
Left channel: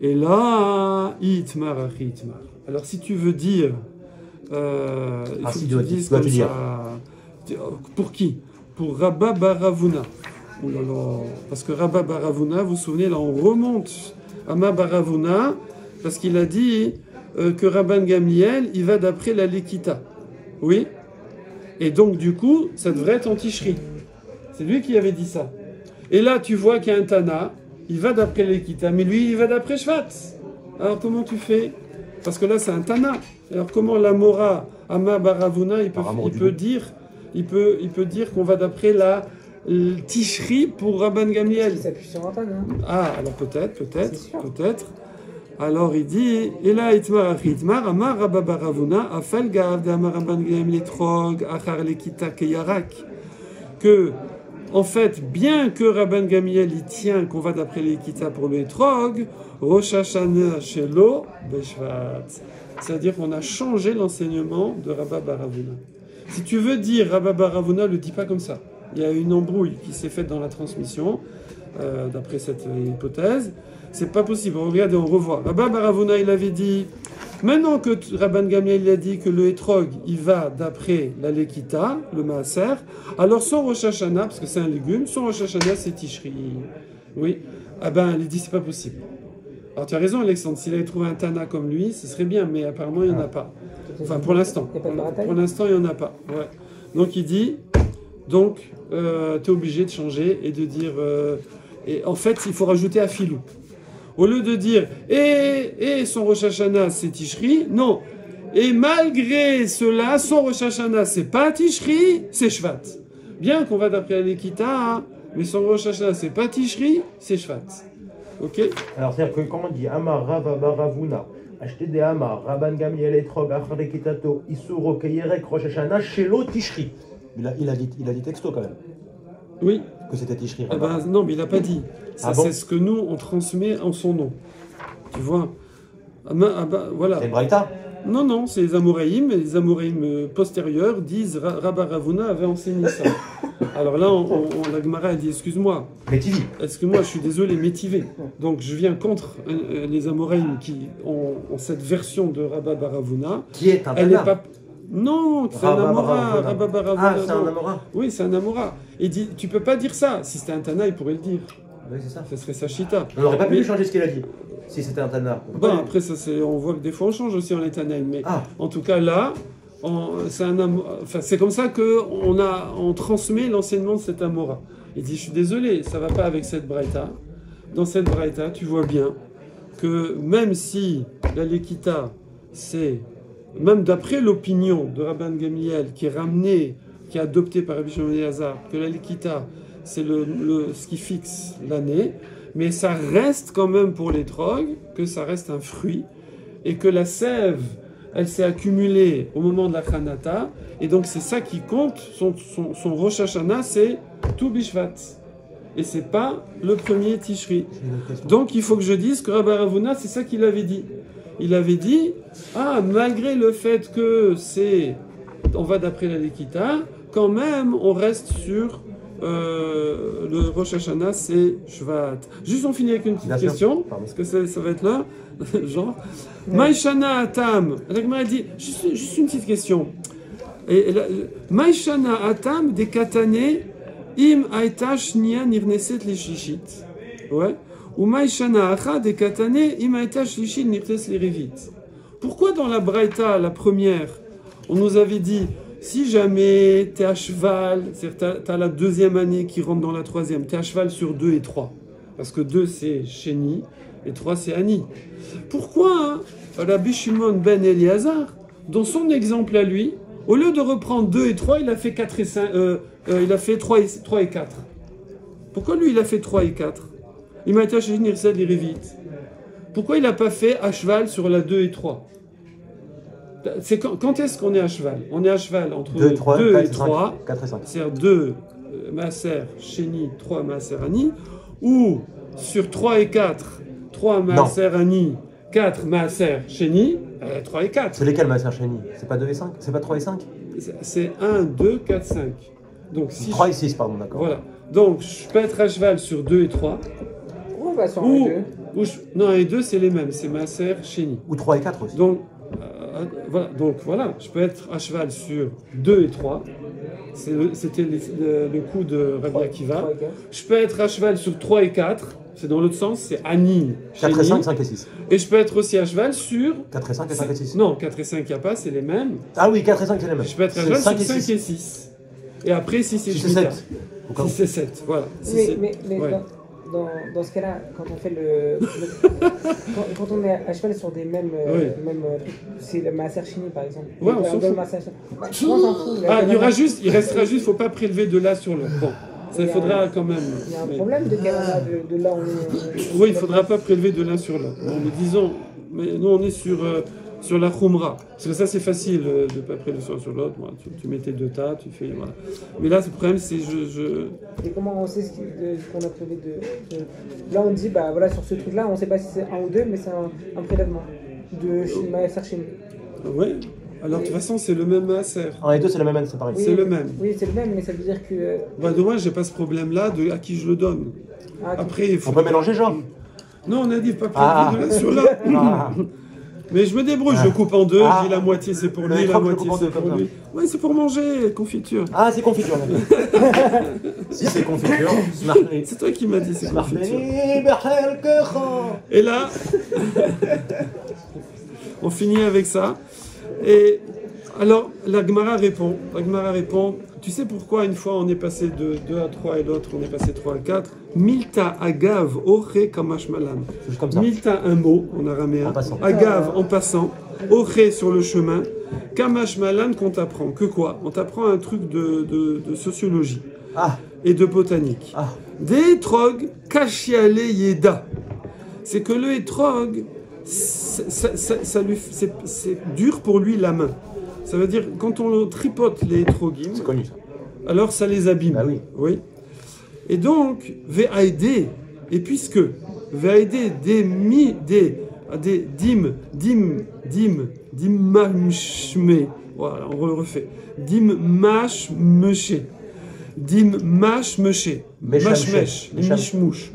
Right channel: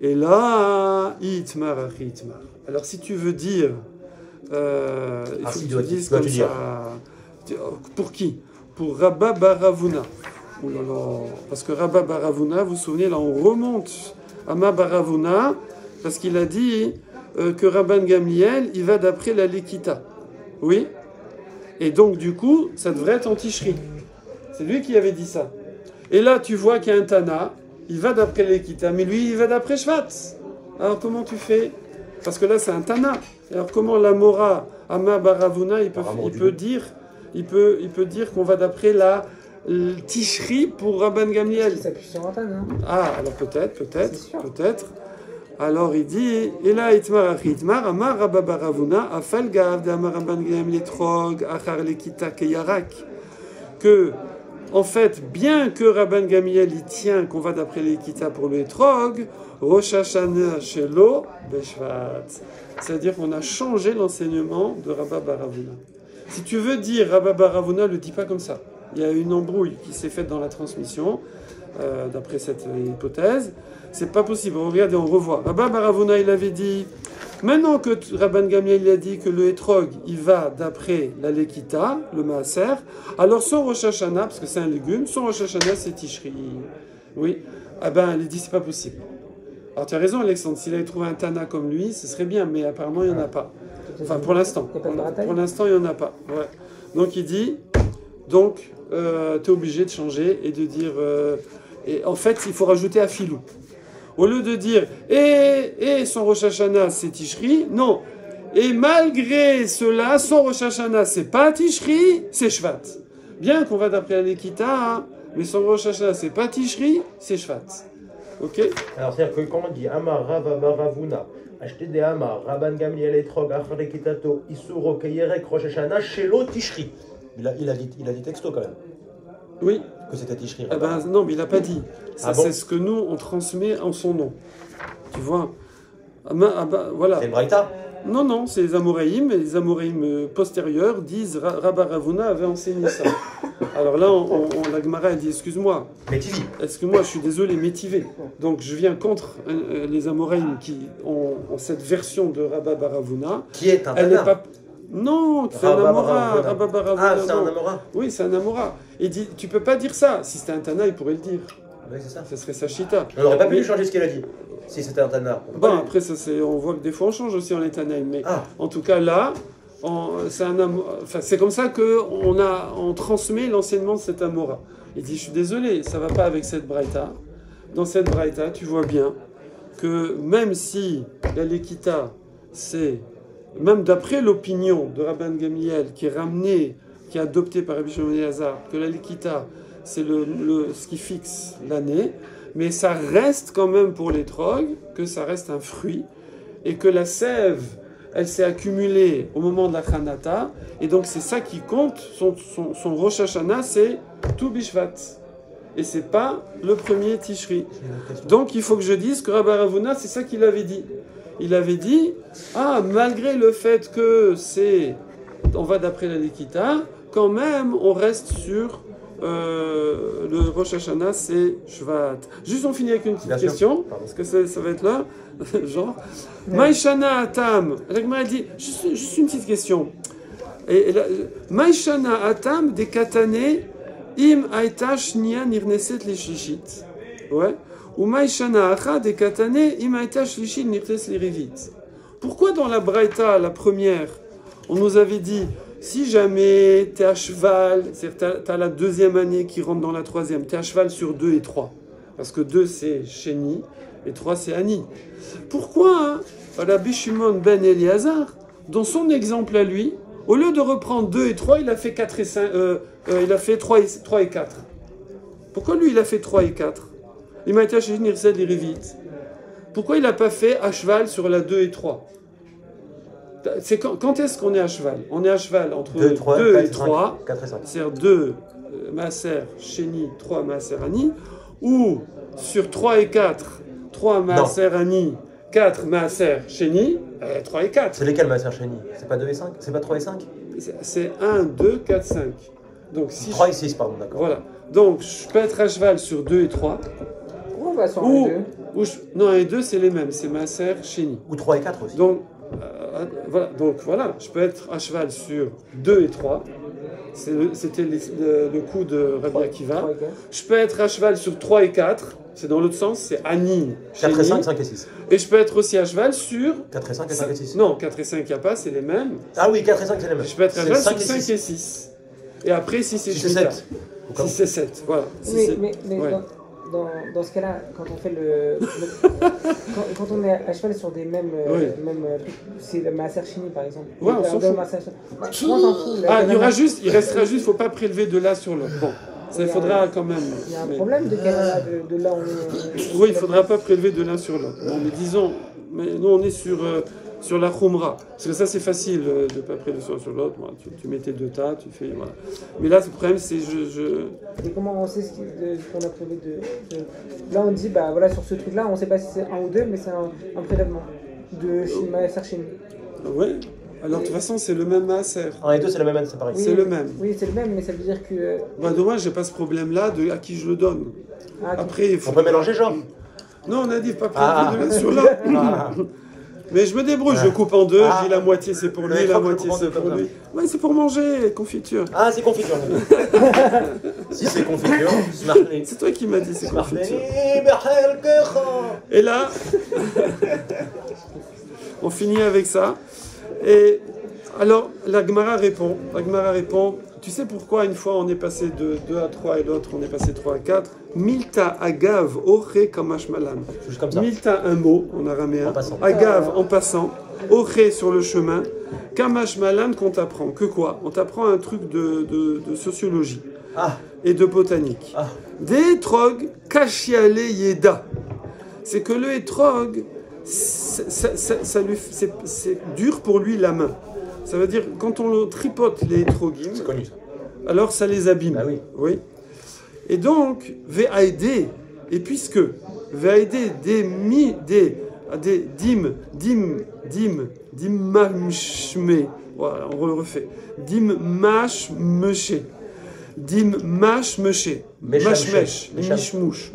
Et là, Itmar. Alors, si tu veux dire, il faut que tu dises comme ça. Pour qui? Pour Rabba Baravuna. Oh là là. Parce que Rabba Baravuna, vous vous souvenez, là, on remonte à Ma Baravuna, parce qu'il a dit que Rabban Gamliel, il va d'après la Lekita. Oui? Et donc, du coup, ça devrait être en Tishri. C'est lui qui avait dit ça. Et là, tu vois qu'il y a un Tana, il va d'après l'Ekita, mais lui, il va d'après Shvat. Alors, comment tu fais? Parce que là, c'est un Tana. Alors, comment la Mora, Ama Baravuna, il peut dire qu'on va d'après la Tishri pour Rabban Gamliel? Ça appuie sur un Tana. Ah, alors peut-être. Alors, il dit, et là, Itmar, Amar Rabba Baravuna, Afel Gav de Amar Rabban Gamliel Trog, Achar Lekita Keyarak. Que, en fait, bien que Rabban Gamliel il tient qu'on va d'après l'Ekita pour le Etrog, Rosh Hashanah Shelo Beshvat. C'est-à-dire qu'on a changé l'enseignement de Rabba Baravuna. Si tu veux dire Rabba Baravuna, ne le dis pas comme ça. Il y a une embrouille qui s'est faite dans la transmission, d'après cette hypothèse. C'est pas possible. On regarde et on revoit. Rabba Baravuna, il avait dit, maintenant que Rabban Gamliel il a dit que le Etrog, il va d'après la Lekita, le Maaser, alors son Rosh Hashanah, parce que c'est un légume, son Rosh Hashanah, c'est Tishri. Oui. Ah ben, il dit, c'est pas possible. Alors tu as raison, Alexandre, s'il avait trouvé un Tana comme lui, ce serait bien, mais apparemment, il n'y en a pas. Enfin, pour l'instant. Pour l'instant, il n'y en a pas. Ouais. Donc, il dit, tu es obligé de changer et de dire, et en fait, il faut rajouter Afilou. Au lieu de dire, son Rosh Hashanah, c'est Tishri, non. Et malgré cela, son Rosh Hashanah, c'est pas Tishri, c'est Shvat. Bien qu'on va d'après l'Ekita, hein, mais son Rosh Hashanah, c'est pas Tishri, c'est Shvat. Ok? Alors, c'est-à-dire que quand on dit Amar Rabba Baravuna, acheter des Amar, Rabban Gamliel Etrog, Achar Lekitato, Isuro Keyerek, Rosh Hashanah, Shelo Tishri. Il a dit texto quand même. Oui. Que c'était Tishri. Ah ben, non, mais il n'a pas dit. Ça, bon? C'est ce que nous, on transmet en son nom. Tu vois? Voilà. C'est Braïta? Non, c'est les Amoraïm. Et les Amoraïm postérieurs disent Rabba Ravuna avait enseigné ça. Alors là, la Gemara a dit, excuse-moi. Métivé. Excuse-moi, je suis désolé, métivé. Donc je viens contre les Amoraïm qui ont cette version de Rabba Baravuna. Qui est un Tana? Non, c'est un Amora. Rabba Baravuna. Ah, c'est un Amora? Oui, c'est un Amora. Il dit, tu peux pas dire ça. Si c'était un Tana, il pourrait le dire. Oui, c'est ça. Ça serait sa chita. On n'aurait pas pu changer ce qu'il a dit, si c'était un Tana. Bon, après, on voit que des fois on change aussi en Tanaïm. Mais en tout cas, là, c'est comme ça qu'on transmet l'enseignement de cet Amora. Il dit, je suis désolé, ça ne va pas avec cette Braïta. Dans cette Braïta, tu vois bien que même si la Lekita, c'est, même d'après l'opinion de Rabban Gamliel, qui est adopté par Rabbi Shimon Eliezer, que la Lekita, c'est ce qui fixe l'année, mais ça reste quand même pour les trogues, que ça reste un fruit, et que la sève, elle s'est accumulée au moment de la Chanata, et donc c'est ça qui compte, son Rosh Hashanah, c'est tout Bishvat. Et c'est pas le premier Tishri. Donc il faut que je dise que Rabba Ravuna, c'est ça qu'il avait dit. Il avait dit, malgré le fait que on va d'après la Lekita, quand même, on reste sur le Rosh Hashanah, c'est Shvat. Juste, on finit avec une petite question, parce que ça va être là, genre. Maïshana Atam. Elle dit, juste une petite question. Maïshana Atam des Katane, im Aïta Shnia Nirneset Leshishit. Ouais. Ou Maïshana Acha des Katane, im Aïta Shlishit Nirneset Lerevit. Pourquoi dans la Braïta, la première, on nous avait dit, si jamais tu es à cheval, c'est-à-dire tu as la deuxième année qui rentre dans la troisième, tu es à cheval sur 2 et 3. Parce que 2 c'est Sheni et 3 c'est Ani. Pourquoi Rabbi Shimon ben Eliezer, dans son exemple à lui, au lieu de reprendre 2 et 3, il a fait 4 et 5, il a fait 3 et 4. Pourquoi lui, il a fait 3 et 4? Il m'a été acheté Nirzel et Révite. Pourquoi il n'a pas fait à cheval sur la 2 et 3? Quand est-ce qu'on est à cheval? On est à cheval entre 2 et 3, c'est-à-dire 2 Maaser Sheni, 3 Maaser Ani, ou sur 3 et 4, 3 Maaser Ani, 4 Maaser Sheni, 3 et 4. C'est lesquels Maaser Sheni? C'est pas 2 et 5? C'est pas 3 et 5? C'est 1, 2, 4, 5. Donc, 3 et 6, pardon, d'accord. Voilà. Donc, je peux être à cheval sur 2 et 3. Non, les deux, c'est les mêmes. C'est Maaser Sheni. Ou 3 et 4 aussi. Donc, voilà, je peux être à cheval sur 2 et 3. C'était le coup de Rabbi Akiva. Je peux être à cheval sur 3 et 4. C'est dans l'autre sens, c'est Ani, 4 et 5, 5 et 6. Et je peux être aussi à cheval sur... 4 et 5 et 5 et 6. Non, 4 et 5, il n'y a pas, c'est les mêmes. Ah oui, 4 et 5, c'est les mêmes. Je peux être à cheval sur 5 et 6. Et après, 6 et 7. 6 et 7, voilà. Mais dans ce cas-là, quand on fait quand on est à cheval sur des mêmes c'est la Maaser Sheni par exemple. Ouais, on s'en fout. Il restera juste, il ne faut pas prélever de là sur l'autre. Bon, ça il faudra quand même. Il y a un problème de là oui, il ne faudra pas prélever de l'un sur l'autre. Bon, mais disons, nous on est sur la Khumra. Parce que ça c'est facile de ne pas prélever sur l'autre. Voilà, tu mets tes 2 tas, tu fais. Voilà. Mais là, le problème c'est Et comment on sait ce qu'on a prélevé de. Là on dit, bah voilà, sur ce truc-là, on ne sait pas si c'est 1 ou 2, mais c'est un prélèvement de Maaser Sheni. Oui. Alors, de toute façon, c'est le même Maaser. 1 et 2, c'est le même, c'est pareil. Oui, c'est le même. Oui, c'est le même, mais ça veut dire que... Bah, dommage, j'ai pas ce problème-là de à qui je le donne. Après, on peut mélanger, genre? Non, on a dit pas prélever sur l'autre. Mais je me débrouille, je coupe en 2, je dis la moitié c'est pour lui, la moitié c'est pour lui. Oui, c'est pour manger, confiture. Ah, c'est confiture. Si c'est confiture, c'est toi qui m'as dit c'est confiture. Et là, on finit avec ça. Et alors, la Gemara répond, tu sais pourquoi une fois on est passé de 2 à 3 et l'autre on est passé 3 à 4? Milta agav oré kamash malam. Milta un mot en araméen, agav en passant, oré sur le chemin, kamash malam qu'on t'apprend. Que quoi? On t'apprend un truc de sociologie et de botanique. Des étrog kashiale yeda. C'est que le étrog, c'est dur pour lui la main. Ça veut dire, quand on tripote les étrogim, alors ça les abîme. Bah oui. Et donc, VAED, et puisque VAED, dimashme, voilà, on refait, dimashmeshe, mashmesh, mishmouche,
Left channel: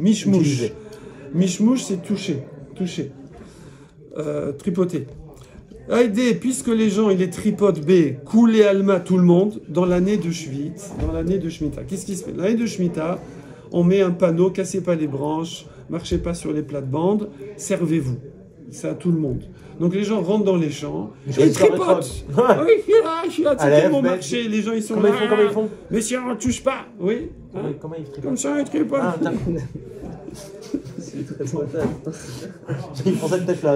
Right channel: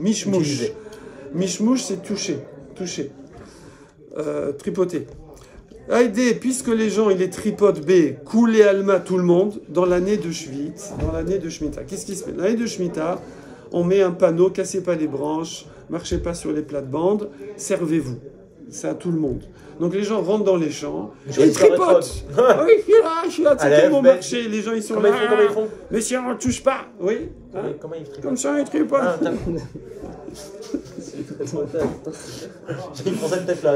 mishmouche c'est toucher, tripoter. Aïdé, puisque les gens, ils les tripotent B, couler Alma, tout le monde, dans l'année de Shvit, dans l'année de Shemitah. Qu'est-ce qui se fait? Dans l'année de Shemitah, on met un panneau, cassez pas les branches, marchez pas sur les plates-bandes, servez-vous. C'est à tout le monde. Donc les gens rentrent dans les champs, ils tripotent. Oui, je suis là, c'est mon marché, les gens ils sont là. Comment ils font? Mais si on ne touche pas, oui. Comment ils tripotent? Comme ça, ils tripotent. C'est très spontané. Ils font ça peut-être là.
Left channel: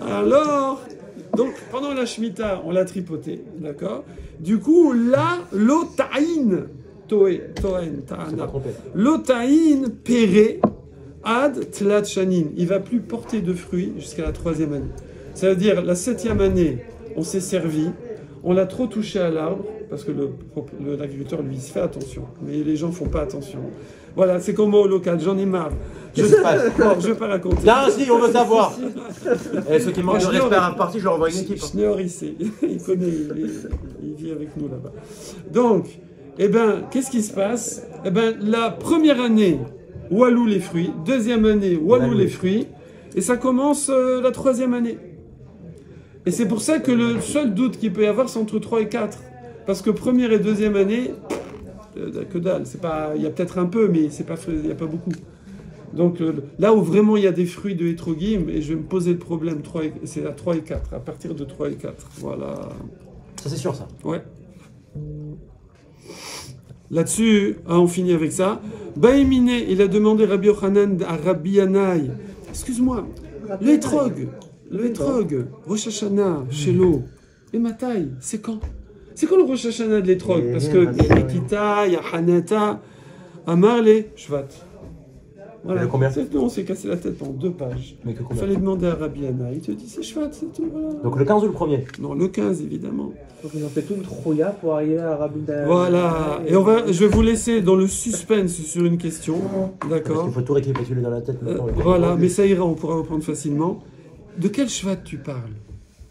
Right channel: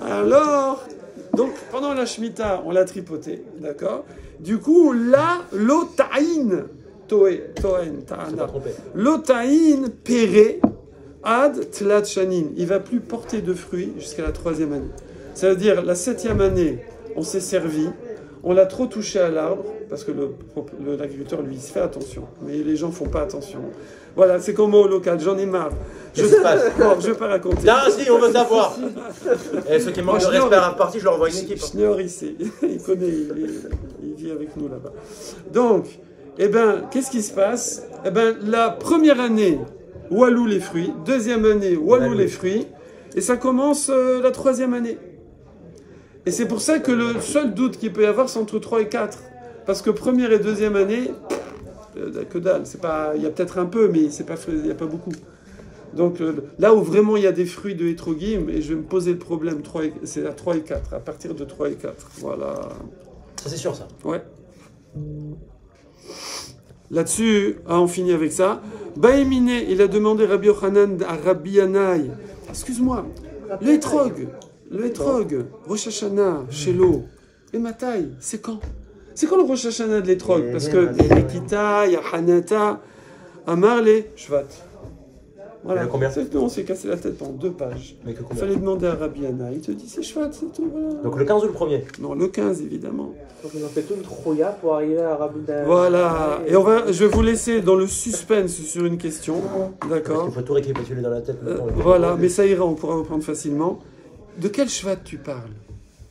Alors, donc pendant la Shemitah, on l'a tripoté, d'accord? Du coup, là, l'otaïn, l'otaïn péré ad tlat shanin, il va plus porter de fruits jusqu'à la 3e année. Ça veut dire la 7e année, on s'est servi, on l'a trop touché à l'arbre, parce que l'agriculteur, lui, il se fait attention, mais les gens font pas attention. Voilà, c'est comme au local, j'en ai marre. Je ne vais pas raconter. Non, si, on veut savoir. Et ceux qui manquent de respect à la partie, je leur envoie une équipe. Schneor ici, il connaît, il vit avec nous là-bas. Donc, eh ben, qu'est-ce qui se passe? Eh ben, la première année, walou les fruits, 2e année, walou les fruits, et ça commence la 3e année. Et c'est pour ça que le seul doute qu'il peut y avoir, c'est entre 3 et 4. Parce que 1re et 2e année, que dalle. Il y a peut-être un peu, mais il n'y a pas beaucoup. Donc là où vraiment il y a des fruits de hétrogim, et je vais me poser le problème, c'est à 3 et 4, à partir de 3 et 4. Voilà. Ça c'est sûr ça. Ouais. Là-dessus, on finit avec ça. Baïmine, il a demandé Rabbi Yochanan à Rabbi Yanaï. Excuse-moi, l'étrog, Rosh Hashanah, Shelo, et Matai, c'est quand? C'est quand le Rosh Hashanah de l'étrog? Parce que il y a Lekita, il y a Hanata, Amarle, Shvat. Voilà. On s'est cassé la tête en 2 pages. Il fallait demander à Rabbi Yanaï. Il te dit c'est Shvat, c'est tout. Voilà. Donc le 15 ou le 1er? Non, le 15 évidemment. Donc ils ont fait tout une trouilla pour arriver à Rabbi Yanaï. Voilà. Et je vais vous laisser dans le suspense sur une question. D'accord. Il faut tout récapituler dans la tête. Voilà, mais ça ira, on pourra reprendre facilement. De quel Shvat tu parles?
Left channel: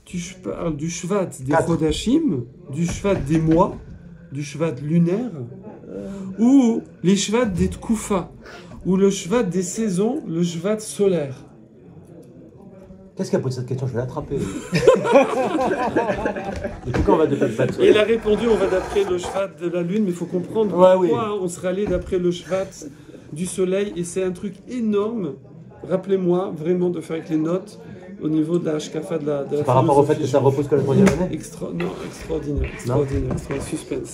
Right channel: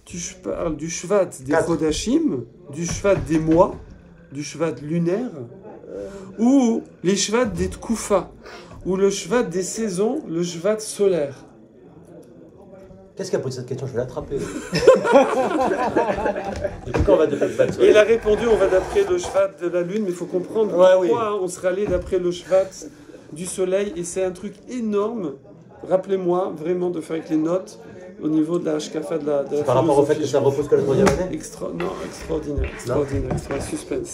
Tu parles du Shvat des Chodashim, du Shvat des mois, du Shvat lunaire, ou les Shvat des Tkoufa, ou le Shvat des saisons, le Shvat solaire. Qu'est-ce qu'il a posé cette question? Je vais l'attraper. Depuis quand on va d'après Et il a répondu, on va d'après le Shvat de la lune, mais il faut comprendre pourquoi on serait allé d'après le Shvat du soleil, et c'est un truc énorme. Rappelez-moi vraiment de faire avec les notes au niveau de la Hashkafa de la par rapport au fait que ça repose que la 3e année? Extraordinaire, suspense.